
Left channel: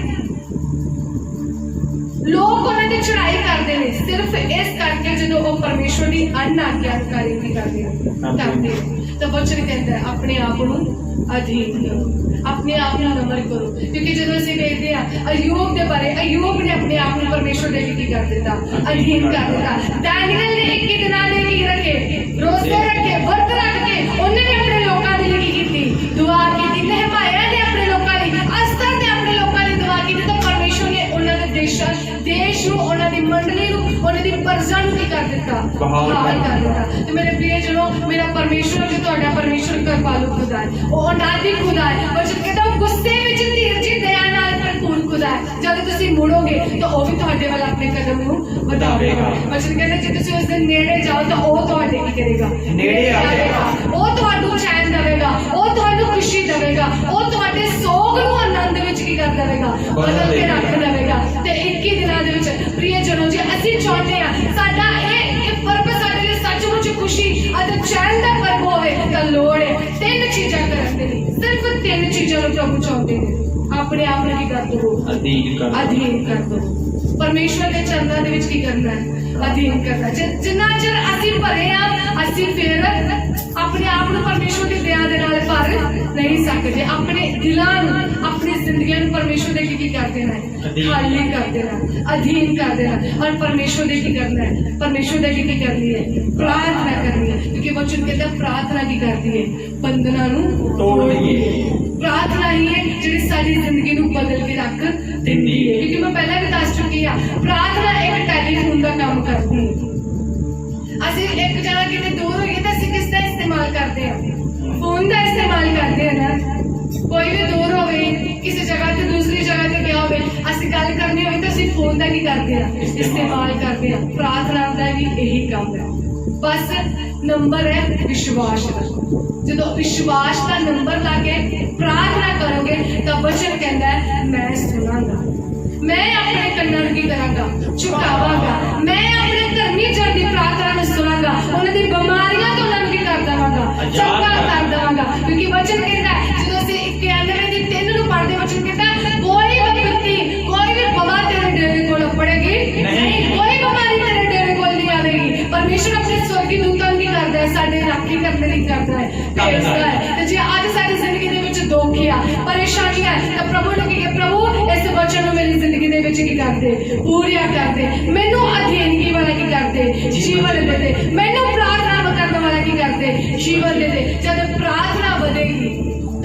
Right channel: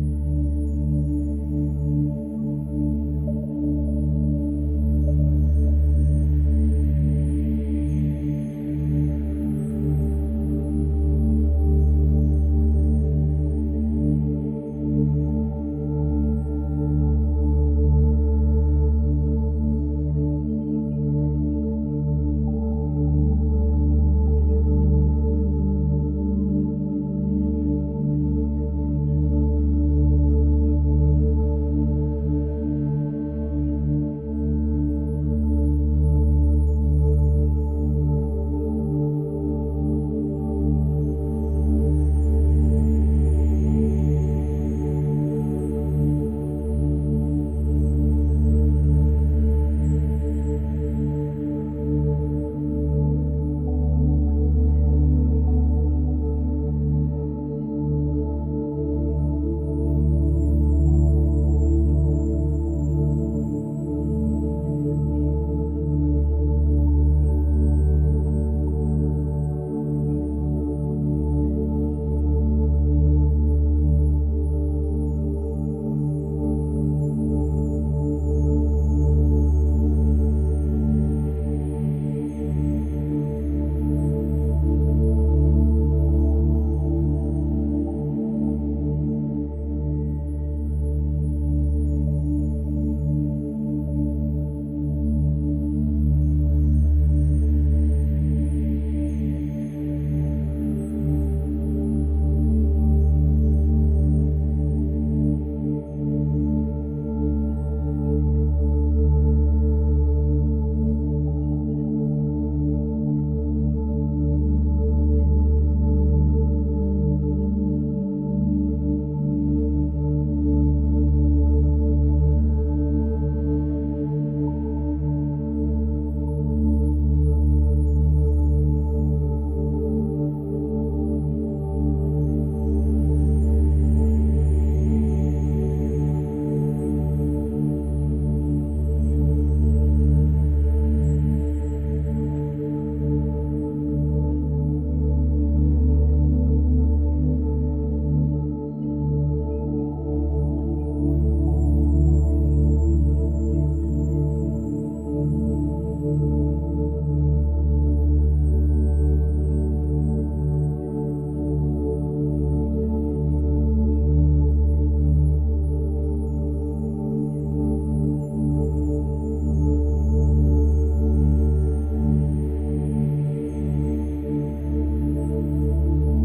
ਲੋਕ ਉਹਨਾਂ ਦੀ ਚੜ੍ਹਾਈ ਕਰਦੇ ਨੇ ਸਿਰਫ ਇਸ ਕਰਕੇ ਜਦੋਂ ਉਹ ਪਰਮੇਸ਼ਵਰ ਦੀ ਅਨਾਗਿਆਕਾਰੀ ਵੀ ਕਰਦੇ ਤਾਂ ਵਚਨ ਕਹਿੰਦਾ ਹੈ ਆਪਣੇ ਆਪ ਨੂੰ ਅਧੀਨ ਕਰੋ, ਆਪਣੇ ਆਪ ਨੂੰ ਨਮਰ ਕਰੋ। ਕਿਉਂਕਿ ਜਦੋਂ ਅਸੀਂ ਵੇਖਦੇ ਹਾਂ ਅਯੂਬ ਦੇ ਬਾਰੇ, ਅਯੂਬ ਨੇ ਆਪਣੇ ਆਪ ਨੂੰ ਪਰਮੇਸ਼ਵਰ ਦੇ ਅੱਗੇ ਕੀ ਕਰ ਦਿੱਤਾ, ਅਧੀਨ ਕਰ ਦਿੱਤਾ। ਡੈਨੀਅਲ ਨੇ 21 ਦਿਨਾਂ ਦੇ ਕੀ ਰੱਖੇ, ਰੋਜ਼ੇ ਰੱਖੇ, ਵਰਤ ਰੱਖ ਕੇ ਉਹਨੇ ਵੀ ਆਪਣੇ ਲੋਕਾਂ ਦੇ ਲਈ ਕੀ ਕੀਤੀ, ਦੁਆ ਕੀਤੀ। ਨਹਿਮਾਇਆ ਨੇ ਆਪਣੇ ਲੋਕਾਂ ਲਈ, ਅਸਤਰ ਨੇ ਆਪਣੇ ਲੋਕਾਂ ਲਈ ਦੁਆ ਕੀਤੀ। ਤਾਂ ਪਰਮੇਸ਼ਵਰ ਨੇ ਉਹਨਾਂ ਦੇ ਦੇਸ਼ ਨੂੰ, ਉਹਨਾਂ ਦੀ ਮੰਡਲੀ ਨੂੰ, ਉਹਨਾਂ ਦੀ ਪ੍ਰਜਾ ਨੂੰ ਕੀ ਕਰ ਦਿੱਤਾ, ਬਹਾਲ ਕਰ ਦਿੱਤਾ। ਤੇ ਮੇਰੇ ਪ੍ਰਿਯ ਜਨੋ, ਮੇਰਾ ਪਰਮੇਸ਼ਵਰ ਜੋ ਤੁਹਾਡਾ ਪਰਮੇਸ਼ਵਰ ਕਿਰਪਾਲੂ ਖੁਦਾ ਹੈ, ਉਹ ਅਨਾਦਿ ਖੁਦਾ ਹੈ। ਵਚਨ ਕਹਿੰਦਾ ਉਹ ਗੁੱਸੇ ਵਿੱਚ ਧੀਰਜ ਦਇਆ ਨਾਲ ਭਰਪੂਰ ਖੁਦਾ ਹੈ। ਜਦ ਤੁਸੀਂ ਮੁੜੋਗੇ ਤਾਂ ਉਹ ਵੀ ਤੁਹਾਡੇ ਵੱਲ ਆਪਣੇ ਕਦਮ ਨੂੰ ਵਧਾਵੇਗਾ। ਵਚਨ ਕਹਿੰਦਾ ਜੇ ਤੁਸੀਂ ਉਸ ਦੇ ਨੇੜੇ ਜਾਓ ਤਾਂ ਉਹ ਤੁਹਾਡੇ ਕੀ ਕਰੇਗਾ, ਨੇੜੇ ਆਵੇਗਾ। ਉਹ ਤੁਹਾਨੂੰ ਚੈਨ ਦੇਵੇਗਾ, ਉਹ ਤੁਹਾਨੂੰ ਖੁਸ਼ੀ ਦੇਵੇਗਾ, ਉਹ ਤੁਹਾਡੇ ਸੋਗ ਨੂੰ ਆਨੰਦ ਵਿੱਚ ਕੀ ਕਰ ਦੇਵੇਗਾ, ਬਦਲ ਕੇ ਰੱਖ ਦੇਵੇਗਾ। ਤੇ 21 ਦਿਨਾਂ ਦੇ ਵਿੱਚ ਪ੍ਰਿਯ ਜਨੋ, ਜੇ ਅਸੀਂ ਚਾਹੁੰਦੇ ਹਾਂ ਸਾਡਾ ਇਹ ਪਰਬ ਸਾਡੇ ਲਈ ਸੱਚਮੁੱਚ ਖੁਸ਼ੀ ਅਤੇ ਚੈਨ ਦਾ ਪਰਬ ਹੋਵੇ, ਤਾਂ ਲੋੜ ਹੈ 3 ਚੀਜ਼ਾਂ ਕਰਨ ਦੇ ਲਈ। ਸਿਰਫ 3 ਚੀਜ਼ਾਂ ਨੂੰ ਪ੍ਰਭੂ ਚਾਹੁੰਦੇ ਨੇ। ਆਪਣੇ ਆਪ ਨੂੰ ਕੀ ਕਰ ਦੋ, ਅਧੀਨ ਕਰ ਦੋ। ਪਰਮੇਸ਼ਵਰ ਦੇ ਚਰਨਾਂ ਦੇ ਵਿੱਚ ਕੀ ਕਰਨਾ ਹੈ, ਅਧੀਨ ਕਰਨਾ। ਜਿੰਨਾ ਚਿਰ ਅਸੀਂ ਭਰੇ ਆ, ਅਸੀਂ ਫਿਰ ਆਪਣੇ ਆਪ ਨੂੰ ਪਰਮੇਸ਼ਵਰ ਦੀ ਦਇਆ ਦੇ ਨਾਲ ਭਰ ਨਹੀਂ ਸਕਦੇ। ਆਪਣੇ ਦਿਲਾਂ ਨੂੰ, ਆਪਣੀ ਜ਼ਿੰਦਗੀਆਂ ਨੂੰ ਪਰਮੇਸ਼ਵਰ ਦੇ ਕੀ ਕਰ ਦੇਣਾ ਹੈ, ਖਾਲੀ ਕਰ ਦੇਣਾ, ਅਧੀਨ ਕਰ ਦੇਣਾ। ਔਰ ਪਰਮੇਸ਼ਵਰ ਦੇ ਕੀ ਕਰਨਾ ਹੈ, ਪਰਮੇਸ਼ਵਰ ਦੇ ਕੀ ਕਰਨੀ ਹੈ, ਪ੍ਰਾਰਥਨਾ ਕਰਨੀ ਹੈ। ਕਿਉਂਕਿ ਵਚਨ ਕਹਿੰਦਾ ਪ੍ਰਾਰਥਨਾ ਕੀ ਕਰਦੀ ਹੈ, ਬੰਧਨਾਂ ਨੂੰ ਤੋੜਦੀ ਹੈ। ਪ੍ਰਾਰਥਨਾ ਹੀ ਹੈ ਜਿਹੜੀ ਸਾਡੀ ਜ਼ਿੰਦਗੀ ਨੂੰ ਬਦਲ ਕੇ ਰੱਖ ਦਿੰਦੀ ਹੈ। ਕਿਉਂਕਿ ਮੈਂ ਪਹਿਲਾਂ ਵੀ ਦੱਸ ਚੁੱਕੀ ਹਾਂ, ਪ੍ਰਾਰਥਨਾ ਇੱਕ ਟੈਲੀਫੋਨ ਦਾ ਕੰਮ ਕਰਦੀ ਹੈ। ਅਸੀਂ ਇੱਕ ਜਗ੍ਹਾ ਕਿਤੇ ਦੂਰ ਹੋਈਏ ਤਾਂ ਅਸੀਂ ਕਿਸ ਦਾ ਇਸਤੇਮਾਲ ਕਰਦੇ ਹਾਂ, ਫੋਨ ਦਾ ਇਸਤੇਮਾਲ ਕਰਦੇ ਹਾਂ ਨਾ। ਕੋਈ ਵੀ ਦੂਰ ਹੋਵੇ, ਕਿਸੇ ਜਗ੍ਹਾ ਤੇ ਦੂਸਰੀ ਜਗ੍ਹਾ ਤੇ ਗਿਆ ਹੋਵੇ, ਅਸੀਂ ਗੱਲ ਕਰਨੀ ਹੋਵੇ ਤਾਂ ਅਸੀਂ ਫੋਨ ਦਾ ਕੀ ਕਰਦੇ ਹਾਂ, ਇਸਤੇਮਾਲ ਕਰਦੇ ਹਾਂ। ਪ੍ਰਾਰਥਨਾ ਦਾ ਵੀ ਇਹੀ ਕੰਮ ਹੈ। ਬਸ ਨੰਬਰ ਹੈ ਵਿਸ਼ਵਾਸ ਦਾ। ਜਦੋਂ ਵਿਸ਼ਵਾਸ ਦਾ ਨੰਬਰ ਲਾ ਕੇ ਪ੍ਰਾਰਥਨਾ ਕਰੋਗੇ ਤਾਂ ਵਚਨ ਕਹਿੰਦਾ ਹੈ ਮੈਂ ਸੁਣਾਂਗਾ, ਮੈਂ ਆਪਣੇ ਕੰਨਾਂ ਨੂੰ ਕੀ ਕਰਾਂਗਾ, ਝੁਕਾਵਾਂਗਾ। ਮੈਂ ਆਪਣੇ ਧਰਮੀ ਜਨ ਦੀ ਪ੍ਰਾਰਥਨਾ ਨੂੰ ਸੁਣਾਂਗਾ, ਉਹਨਾਂ ਦੀ ਬਿਮਾਰੀਆਂ ਤੋਂ ਉਹਨਾਂ ਨੂੰ ਕੀ ਕਰ ਦੇਵਾਂਗਾ, ਚੰਗਾ ਕਰ ਦੇਵਾਂਗਾ। ਕਿਉਂਕਿ ਵਚਨ ਕਹਿੰਦਾ ਜਦੋਂ ਅਸੀਂ 91 ਦੀ 3 ਨੂੰ ਪੜ੍ਹਦੇ, ਵਚਨ ਕਹਿੰਦਾ ਕੋਈ ਵਿਪੱਤੀ, ਕੋਈ ਵੀ ਬਵਾ ਤੇਰੇ ਡੇਰੇ ਕੋਲ ਪੜੇਗੀ ਨਹੀਂ, ਕੋਈ ਬਿਮਾਰੀ ਤੇਰੇ ਡੇਰੇ ਕੋਲ ਨਹੀਂ ਆਵੇਗੀ। ਪਰਮੇਸ਼ਰ ਆਪਣੇ ਸਵਰਗੀ ਦੂਤਾਂ ਨੂੰ ਕੀ ਕਰਦਾ ਹੈ, ਸਾਡੇ ਰਾਖੀ ਕਰਨ ਲਈ ਕਰਦਾ ਹੈ, ਭੇਜਦਾ ਹੈ। ਤੇ ਜੇ ਅੱਜ ਸਾਡੀ ਜ਼ਿੰਦਗੀ ਦੇ ਵਿੱਚ ਦੁੱਖ ਆ, ਪਰੇਸ਼ਾਨੀ ਹੈ, ਤਾਂ ਪ੍ਰਭੂ ਨੂੰ ਕੀ ਕਹੇ, ਪ੍ਰਭੂ ਇਸ ਵਚਨ ਨੂੰ ਮੇਰੀ ਜ਼ਿੰਦਗੀ ਦੇ ਵਿੱਚ ਕੀ ਕਰਦੇ, ਪੂਰੀਆਂ ਕਰਦੇ। ਮੈਨੂੰ ਅਧੀਨਗੀ ਵਾਲਾ ਕੀ ਕਰਦੇ, ਜੀਵਨ ਦੇ ਦੇ। ਮੈਨੂੰ ਪ੍ਰਾਰਥਨਾ ਕਰਨ ਵਾਲਾ ਕੀ ਕਰਦੇ, ਜੀਵਨ ਦੇ ਦੇ। ਜਦ ਪ੍ਰਾਰਥਨਾ ਵਧੇਗੀ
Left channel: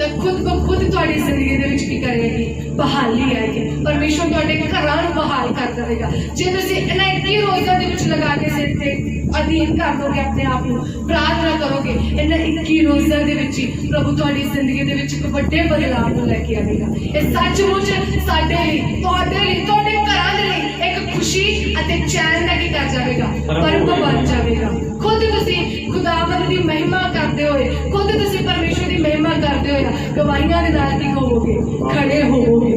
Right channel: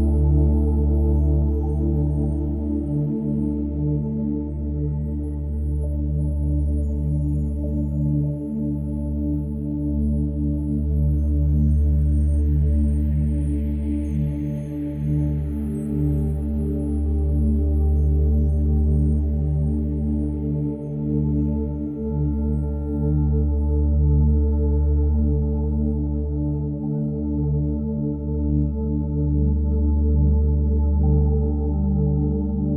ਤਾਂ ਖੁਦ ਕੋ ਖੁਦ ਤੁਹਾਡੀ ਜ਼ਿੰਦਗੀ ਦੇ ਵਿੱਚ ਕੀ ਕਰੇਗੀ, ਬਹਾਲੀ ਆਏਗੀ। ਪਰਮੇਸ਼ਵਰ ਤੁਹਾਡੇ ਘਰਾਂ ਨੂੰ ਬਹਾਲ ਕਰ ਦੇਵੇਗਾ। ਜੇ ਤੁਸੀਂ ਇਹਨਾਂ 21 ਰੋਜ਼ਾਂ ਦੇ ਵਿੱਚ ਲਗਾ ਕੇ ਸਿਰ ਤੇ ਅਧੀਨ ਕਰ ਦੋਗੇ ਆਪਣੇ ਆਪ ਨੂੰ, ਪ੍ਰਾਰਥਨਾ ਕਰੋਗੇ, ਇਹਨਾਂ 21 ਰੋਜ਼ਾਂ ਦੇ ਵਿੱਚ ਹੀ ਪ੍ਰਭੂ ਤੁਹਾਡੀ ਜ਼ਿੰਦਗੀ ਦੇ ਵਿੱਚ ਇੱਕ ਵੱਡੇ ਬਦਲਾਅ ਨੂੰ ਲੈ ਕੇ ਆਵੇਗਾ। ਇਹ ਸੱਚਮੁੱਚ ਸਾਡੇ ਲਈ, ਤੁਹਾਡੇ ਲਈ, ਤੁਹਾਡੇ ਘਰਾਂ ਦੇ ਲਈ ਇੱਕ ਖੁਸ਼ੀ ਅਤੇ ਚੈਨ ਦਾ ਕੀ ਕਰ ਜਾਵੇਗਾ, ਪਰਮ ਬਣ ਜਾਵੇਗਾ। ਖੁਦ ਤੁਸੀਂ ਖੁਦਾਵੰਦ ਦੀ ਮਹਿਮਾ ਕਰਦੇ ਹੋਏ, ਖੁਦ ਤੁਸੀਂ ਪਰਮੇਸ਼ਵਰ ਦੀ ਮਹਿਮਾ ਕਰਦੇ ਹੋਏ ਗਵਾਹੀਆਂ ਦੇ ਨਾਲ ਕੀ ਹੋਵੋਗੇ, ਖੜੇ ਹੋਵੋਗੇ।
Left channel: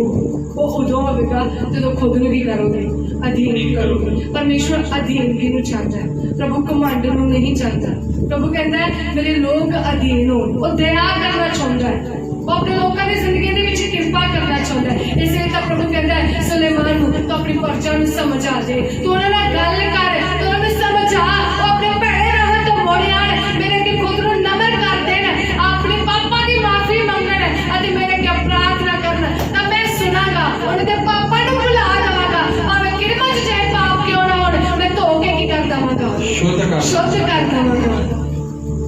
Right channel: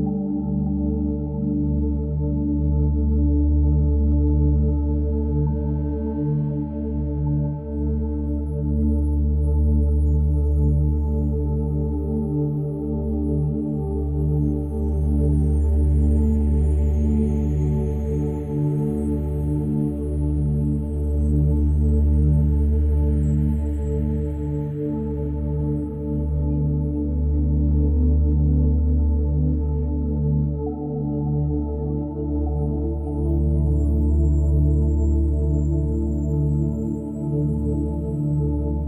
ਉਹ ਉਦੋਂ ਹੋਵੇਗਾ ਜਦੋਂ ਖੁਦ ਨੂੰ ਵੀ ਕਰੋਗੇ, ਅਧੀਨ ਕਰੋਗੇ। ਪਰਮੇਸ਼ਵਰ ਅਧੀਨਗੀ ਨੂੰ ਚਾਹੁੰਦਾ ਹੈ, ਪ੍ਰਭੂ ਕਮਾਂਡ ਨੂੰ ਨਹੀਂ ਚਾਹੁੰਦਾ। ਪ੍ਰਭੂ ਕਹਿੰਦਾ ਹੈ ਮੇਰੇ ਲੋਕ ਅਧੀਨ ਹੋ। ਉਹ ਦਇਆ ਕਰਨਾ ਚਾਹੁੰਦਾ ਹੈ, ਉਹ ਆਪਣੇ ਲੋਕਾਂ ਦੀ ਜ਼ਿੰਦਗੀ ਦੇ ਵਿੱਚ ਕਿਰਪਾ ਕਰਨਾ ਚਾਹੁੰਦਾ ਹੈ। ਇਸ ਲਈ ਤਾਂ ਪ੍ਰਭੂ ਕਹਿੰਦਾ ਹੈ ਸੁਲੇਮਾਨ ਨੂੰ ਤੂੰ ਆਪਣੀ ਪਰਜਾ ਨੂੰ ਸਮਝਾ ਦੇ, ਤੂੰ ਉਹਨਾਂ ਨਾਲ ਗੱਲ ਕਰ, ਤੂੰ ਉਹਨਾਂ ਨੂੰ ਸਮਝਾ, ਉਹ ਆਪਣੇ ਭੈੜੇ ਰਾਹਾਂ ਤੋਂ ਮੁੜ ਆਉਣ, ਮੇਰੇ ਅੱਗੇ ਖੁਦ ਨੂੰ ਨਮਰ ਕਰ ਦੇਣ, ਆਪਣੇ ਪਾਪਾਂ ਦੀ ਮਾਫੀ ਮੰਗਣ ਅਤੇ ਮੇਰੇ ਅੱਗੇ ਪ੍ਰਾਰਥਨਾ ਕਰਨ। ਤਾਂ ਮੈਂ ਸੁਣਾਂਗਾ, ਉਹਨਾਂ ਦੇ ਪਾਪਾਂ ਨੂੰ ਭੁਲਾ ਦੇਵਾਂਗਾ। ਭਾਵੇਂ ਕਿਰਮਾ ਚ ਚਾਹੇ ਪਾਪ ਕਿਉਂ ਨਾ ਹੋਣ, ਮੈਂ ਧੋ ਕੇ ਕੀ ਕਰ ਦੇਵਾਂਗਾ, ਸ਼ੁੱਧ ਕਰ ਦੇਵਾਂਗਾ।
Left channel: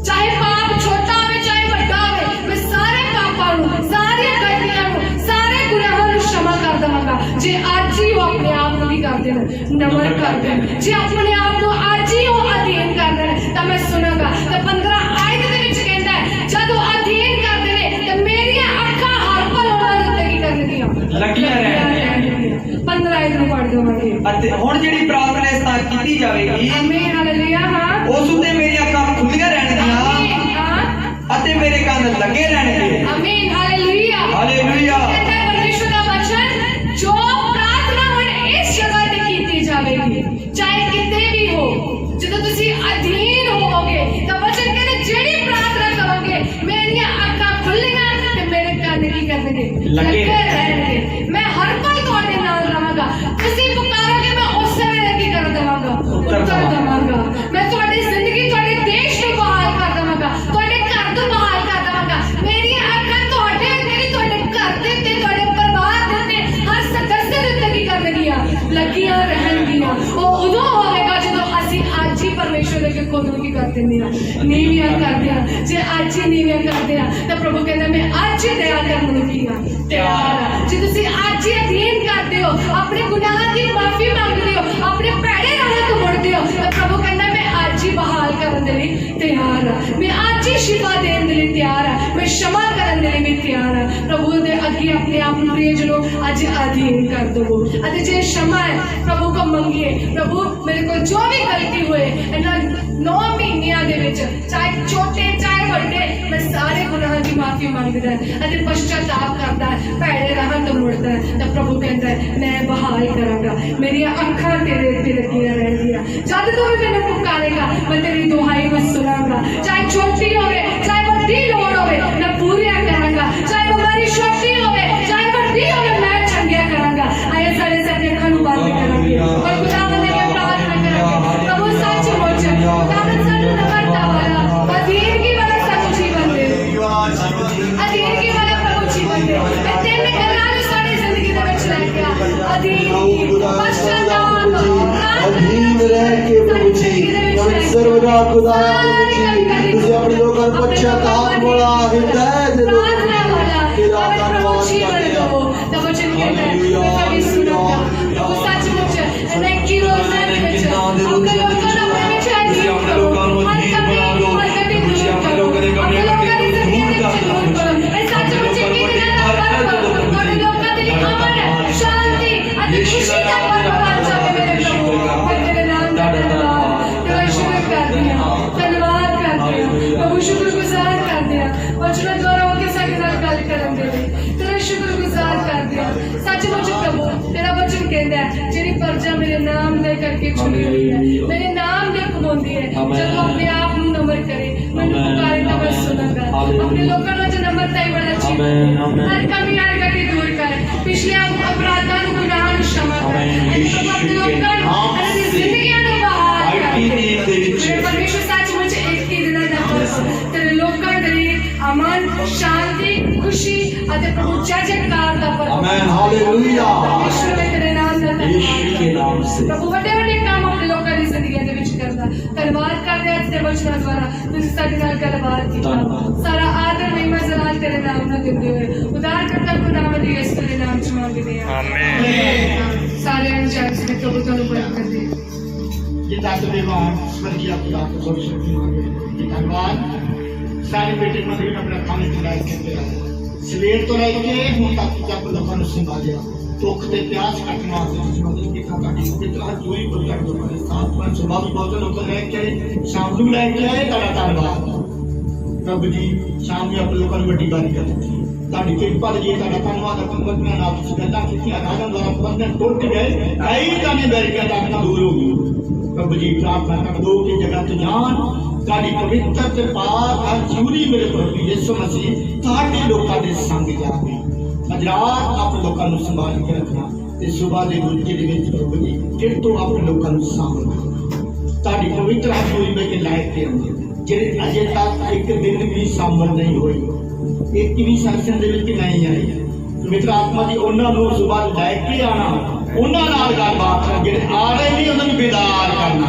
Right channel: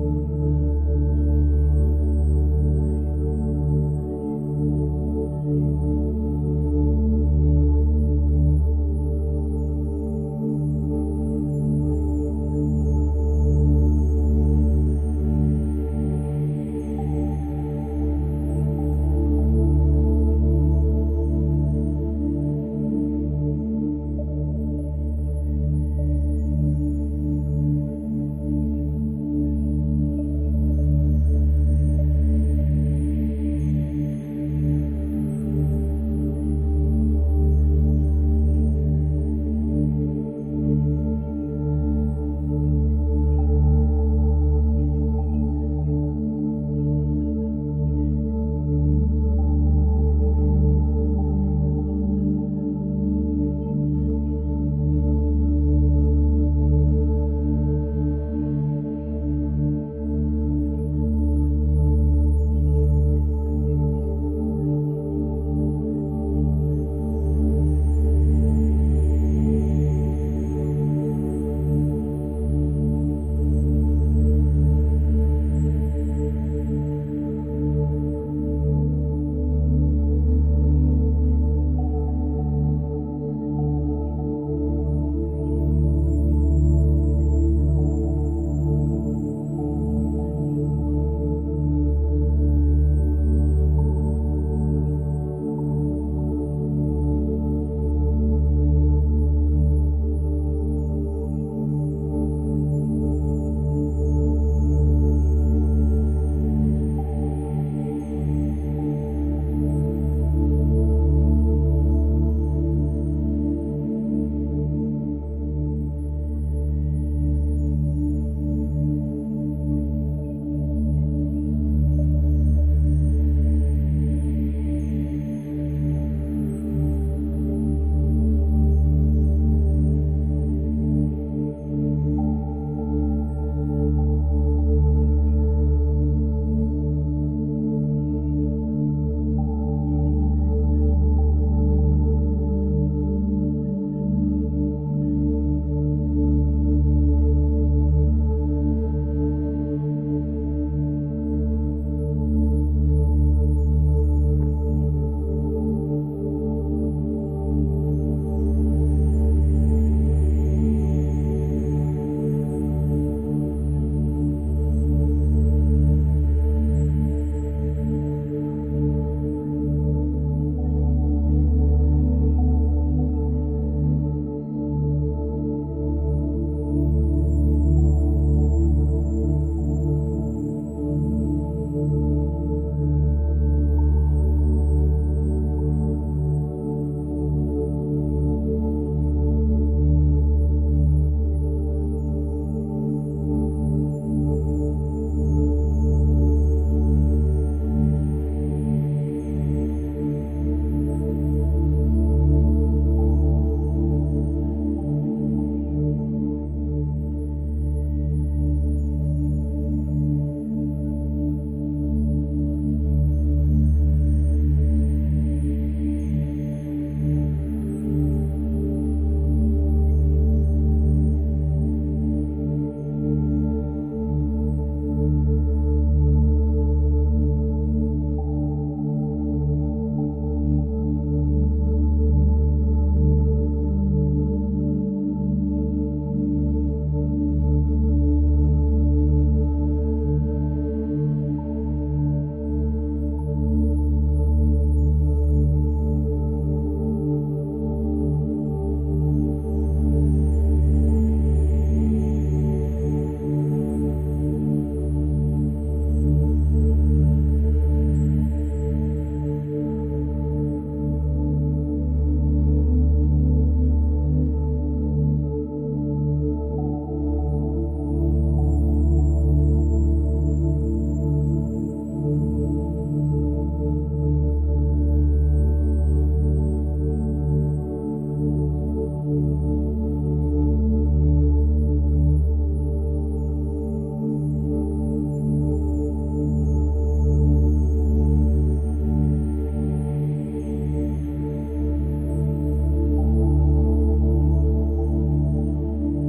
ਚਾਹੇ ਪਾਪ ਛੋਟਾ ਹੋਵੇ ਚਾਹੇ ਵੱਡਾ ਹੋਵੇ, ਮੈਂ ਸਾਰੇ ਪਾਪਾਂ ਨੂੰ, ਸਾਰੀਆਂ ਗਲਤੀਆਂ ਨੂੰ, ਸਾਰੇ ਗੁਨਾਹਾਂ ਨੂੰ क्षमा ਕਰ ਦੇਵਾਂਗਾ। ਜੇ ਅੱਜ ਹੀ ਉਹ ਆਪਣੇ ਆਪ ਨੂੰ ਕੀ ਕਰ ਦੇਣ, ਨਮਨ ਕਰ ਦੇਣ, ਜੇ ਆਪਣੇ ਆਪ ਨੂੰ ਅੱਜ ਹੀ ਉਹ ਅਧੀਨ ਕਰ ਦੇਣ, ਤਾਂ ਮੈਂ ਸੁਣਾਂਗਾ। ਤਾਂ 15 ਆਇਤ ਦੇ ਵਿੱਚ ਕਹਿੰਦਾ ਹੈ ਜਦੋਂ ਅਧੀਨ ਕਰਦੇ ਨੇ ਤਾਂ ਮੇਰੀਆਂ ਅੱਖਾਂ ਹਰ ਪਲ ਉਹਨਾਂ ਦੇ ਉੱਤੇ ਕੀ ਕਰਨਗੀਆਂ, ਲੱਗੀਆਂ ਰਹਿਣਗੀਆਂ। 15 ਆਇਤ ਨੂੰ ਪੜ੍ਹ ਦੇਵਾਂਗੇ। ਅਤੇ ਹੁਣ ਜਿਹੜੀ ਪ੍ਰਾਰਥਨਾ ਇਸ ਤਰ੍ਹਾਂ ਕੀਤੀ ਜਾਵੇਗੀ, ਆਮੀਨ, ਹਾਲੇਲੂਇਆ। ਹਾਂ, ਉਸ ਉੱਤੇ ਮੇਰੀਆਂ ਅੱਖਾਂ ਖੁੱਲੀਆਂ ਰਹਿਣਗੀਆਂ ਅਤੇ ਮੇਰੇ ਕੰਨ ਲੱਗੇ ਰਹਿਣਗੇ। ਆਮੀਨ, ਹਾਲੇਲੂਇਆ, ਹਾਲੇਲੂਇਆ। ਕਹਿੰਦਾ ਪਰਮੇਸ਼ਵਰ ਦਾ ਵਚਨ ਜੋ ਪ੍ਰਾਰਥਨਾ ਹੁਣ ਇਸ ਜਗ੍ਹਾ ਤੇ ਕੀਤੀ ਜਾਵੇਗੀ, ਚਾਹੇ ਕਿਤੇ ਵੀ ਹੋ, ਜਦੋਂ ਤੁਸੀਂ ਅਧੀਨ ਹੋਵੋਗੇ ਤਾਂ ਵਚਨ ਕਹਿੰਦਾ ਜਿਹੜੀ ਪ੍ਰਾਰਥਨਾ ਕਰੋਗੇ ਮੇਰੀਆਂ ਅੱਖਾਂ ਖੁੱਲੀਆਂ ਤੇ ਮੇਰੇ ਕੰਨ ਕੀ ਕਰਨਗੇ, ਲੱਗੇ ਰਹਿਣਗੇ। ਮੈਂ ਹਰ ਪਲ ਤੁਹਾਡੇ ਨਾਲ ਰਹਾਂਗਾ। ਤੁਸੀਂ ਪੁਕਾਰੋਗੇ ਮੈਂ ਉਸੇ ਵੇਲੇ ਕੀ ਕਰ ਦੇਵਾਂਗਾ, ਉੱਤਰ ਦੇਵਾਂਗਾ। ਮੈਂ ਤੁਹਾਡੀ ਜ਼ਿੰਦਗੀ, ਤੁਹਾਡੇ ਦੇਸ਼ ਨੂੰ ਬਹਾਲ ਕਰ ਦੇਵਾਂਗਾ, ਤੁਹਾਡੇ ਘਰ ਤੋਂ पूरियां करते हैं तो प्रभु कहता मैं आज ही दया करने लगी हाँ तैयार जो तुसी आज ही अधीन करते हो अपने गुनाह की माफी मांगते हो अपने पैड़े राह तो मुड़ते हो तो प्रभु कहता मैं आज ही बहाल करने लई तैयार हाँ मैं आज ही शिफा देने लई तैयार हाँ मैं क्षमा करने लई भी तैयार हाँ प्रभु दे अगे अपने आप प्रियजनों आज अधीन कर दो अते जे क्षमा है प्रभु को मंगिए प्रभु मेरे को जो भी गलती हुए इन्हां 9 महीनियां दे विच चाहे छोटे चाहे बड़े मैं सारे गुनाह की माफी मांगदा है अते पश्चाताप करता है भैड़े राह तो मुड़ता है तो प्रभु कहता है मैं बहाल करांगा मेरी अखां तेरे ते लगियां रहंदियां जद तू भी मैनूं पुकारेगा मैं तेरी दुहाई को सुनांगा चाहे छोटी होवे चाहे बड़ी लोड़ होवे मैं पूरियां करांगा चाहे हमारी छोटी होवे चाहे बड़ी होवे मैं चंगिया करांगा आया सारे सब अखां नूं बंद करांगे और खुदावंद ने प्रार्थना करांगे प्रभु सचमुच खुदावंद सानूं नम्रता वाला अधीन की वाला सब जीवन दे अधीन की वाला प्रभु जीवन दे मैं तेरे गल्लां नूं साडी जिंदगी दे विच लै के आ अधीन पश्चाताप अधीन रह के प्रभु जी सर्वदा खुदा तुझे अपने लोगों को पश्चाताप वाला हिदायत दे दो तेरा धन्यवाद करते हैं तो वचन कहता है मैं कभी सुनूंगा प्रभु सचमुच अनेक रोज़ दे विच अपने लोगों को अपने विच अधीन करो हर कभी हर कभी दूर करो अपने लोगों की जिंदगी विच दूर करो मैं सचमुच की दिना पर अपने लोगों के लिए अमन शांति अति खुशी का पर्व बन जाए मेरे प्रभु मैं तेरे नाम का धन्यवाद तेरा शुक्र करते हैं धन्यवाद करते हैं प्रभु शुक्रगुजार करते हैं वचन द्वारा होके साडे नाल गल करन दे तेरा शुक्रगुजार करते हैं सचमुच प्रभु तेरा वचन कहता है जेड़ी प्रजा मेरे नाम दे करके चुनी हुई है मेरे नाम दे कबूलती है जब अपने आप नूं नम्र करे मैनूं पुकारे तो मैं सुनांगा अपने लोकां नूं नम्रता ही बड़ा चाहिए हर कमी हर गलती दूर कर पिछले अपराधां नूं गुनाहां नूं क्षमा कर अपने लोकां नूं अपनी जिंदगियां नूं बहाल कर मेरे परमेश्वर सचमुच एक ही दिन दा पर्व तेरे लोकां दे लिए अमन शांति खुशी अते प्रभु जय जयकार दा पर्व आमीन हालेलुया परमेश्वर मैं तेरे नाम दा यीशु के नाम से प्रभु बड़े बड़े काम अपने लोकां दी जिंदगी दे विच करदा धन्यवाद करदे आज दे वचनां द्वारा तुसीं साडे नाल गलबात कीता सारा आदर महिमा जलाल तेरे नाम नाल दिंदे होए उदार करता खुदावंद यीशु दे नाम च मंगदे हां आमीन सारे अंजाम से प्रभु तुहानूं बरकत दे ये धन्यवाद स्वर्गीय पिता को ये धन्यवाद सारे बेटे मंदिर में अपना खाने खिलाए करते हैं सवेर तो रह के ਹੁਣ तक जब लोगों ने संभालिया दुख ते प्यास कटने वास्ते संबंधित के काटी पिता जोई को कर दो पर साथ पर स्वभाव बहुत लोग लेके शाम ਨੂੰ ਲੈ ਕੇ ਆਏ ਤੁਹਾਡਾ ਧੰਨਵਾਦ ਪ੍ਰਭੂ ਜੀ ਸ਼ਾਮ ਨੂੰ ਆਪਣੇ ਲੋਕਾਂ ਨੂੰ ਵੱਡੀ ਗੱਲ ਕਰ ਤੁਹਾਡੀ ਕਿਰਪਾ ਲਈ ਤੁਹਾਡਾ ਧੰਨਵਾਦ ਅਪਨਵਤਨਾ ਨਾਲ ਤੁਸੀਂ ਗੱਲਾਂ ਕੀਤੀਆਂ ਰਾਜਾਂ ਦੁਆਰਾ ਬੰਧਨ ਟੁੱਟ ਗਏ ਕਈ ਜਾਨੇ ਬੈਰੀਆਂ ਤੱਕ ਦੂਰ ਹੋ ਗਏ प्रभु जी प्रार्थना कर दो कि जगत जान ताड़ी पवित्र ते पाक हर चूरी मेरे प्रभु यीशु मसीह ताड़े लोकां दे संग जावे अजरात आप लोकां नु संभाल के रखना ते सुबह दे गुरजे दे विच प्रभु जी फिर तो आप लोकां नु संभाल ताड़ी पवित्र हर चूरी में के लायक ते जेड़े अजे तक एक दिन भी संभल नहीं होई एक भी संसन दे विच नहीं आई पवित्र आत्मा दी ओना नु सुबह लै के आना ਉਹਨਾਂ ਨਾਲ ਗੱਲਬਾਤ ਕਰ ਜਿਹੜੇ ਆ ਰਹੇ ਨਹੀਂ ਉਹਨਾਂ ਨੂੰ ਬੇਦਾਰ ਕਰਨਾ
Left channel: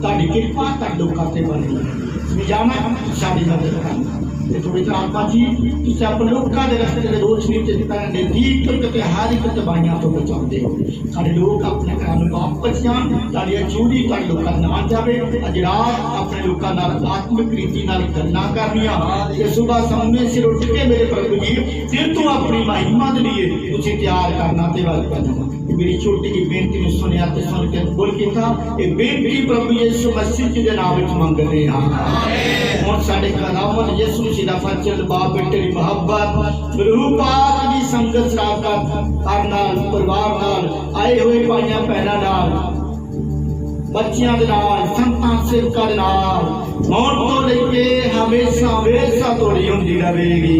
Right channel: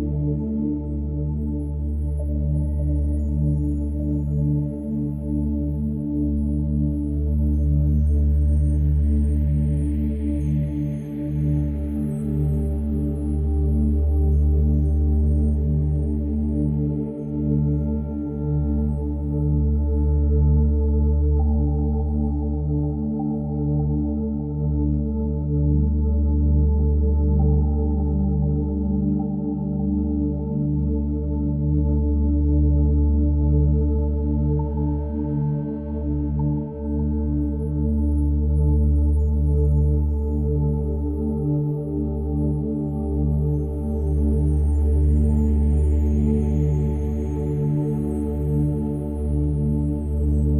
ਤੁਹਾਡੀ ਕਿਰਪਾ ਤਾਂ ਲੋਕਾਂ ਤੇ ਬਣੀ ਸਮਝਾਣਾ ਸਾਡੀ ਮਦਦ ਕਰਨਾ ਤੇ ਪਵਿੱਤਰ ਆਤਮਾ ਜੀ ਤੁਸੀਂ ਆਪਣੇ ਲੋਕਾਂ ਦੇ ਰਸਤੇ ਦੇ ਰੋਸ਼ਨੀ ਤੇ ਜਿੱਦਾਂ ਨਜ਼ਦੀਕ ਤੋਂ ਤੇ ਹਰ ਇੱਕ ਤਬਾਹੀਆਂ ਤੋਂ ਬਚਾਉਂਦੇ ਹੋ ਸਾਡੇ ਲੋਕ ਆਪਣੇ ਘਰਾਂ ਨੂੰ ਵਾਪਸ ਜਾਣ ਤੁਹਾਡੀ ਚੂੜੀ ਤੁਹਾਡੇ ਲੋਕਾਂ ਨਾਲ ਜਾਵੇ ਅੱਜ ਰਾਤ ਆਪਣੇ ਲੋਕਾਂ ਨਾਲ ਆਤਮਿਕ ਰੀਤੀ ਨਾਲ ਗੱਲਾਂ ਕਰਨੀਆਂ ਤੇ ਸਵੇਰ ਸਾਹਮਣੇ ਸਿਰ ਉੱਠ ਕੇ ਮੇਰੇ ਪ੍ਰਭੂ ਜੀ ਫਿਰ ਤੋਂ ਆਪਣੀ ਮਹਿਮਾ ਦੇ ਲਈ ਤੁਸੀਂ ਤਿਆਰ ਕਰਨਾ ਤੇ ਵੱਲ ਕਰਨਾ मेरी छोटी की बेनती में सुने आते सुन के बोल के था ये बेनती प्रभु यीशु मसीह के नाम में मांग रहे हैं और साडे खुदावंद यीशु मसीह दा फजल बाप बेटे दी मोहब्बत रूह पाक दी संगत शराकत हर नाल परिवार नाल आए हुए भाइयां बहनां नाल बच्चियां दे नाल संतां सेवकां दे नाल मौत तो लेके हमेशा हमेशा तोड़ी हुंदी रहेगी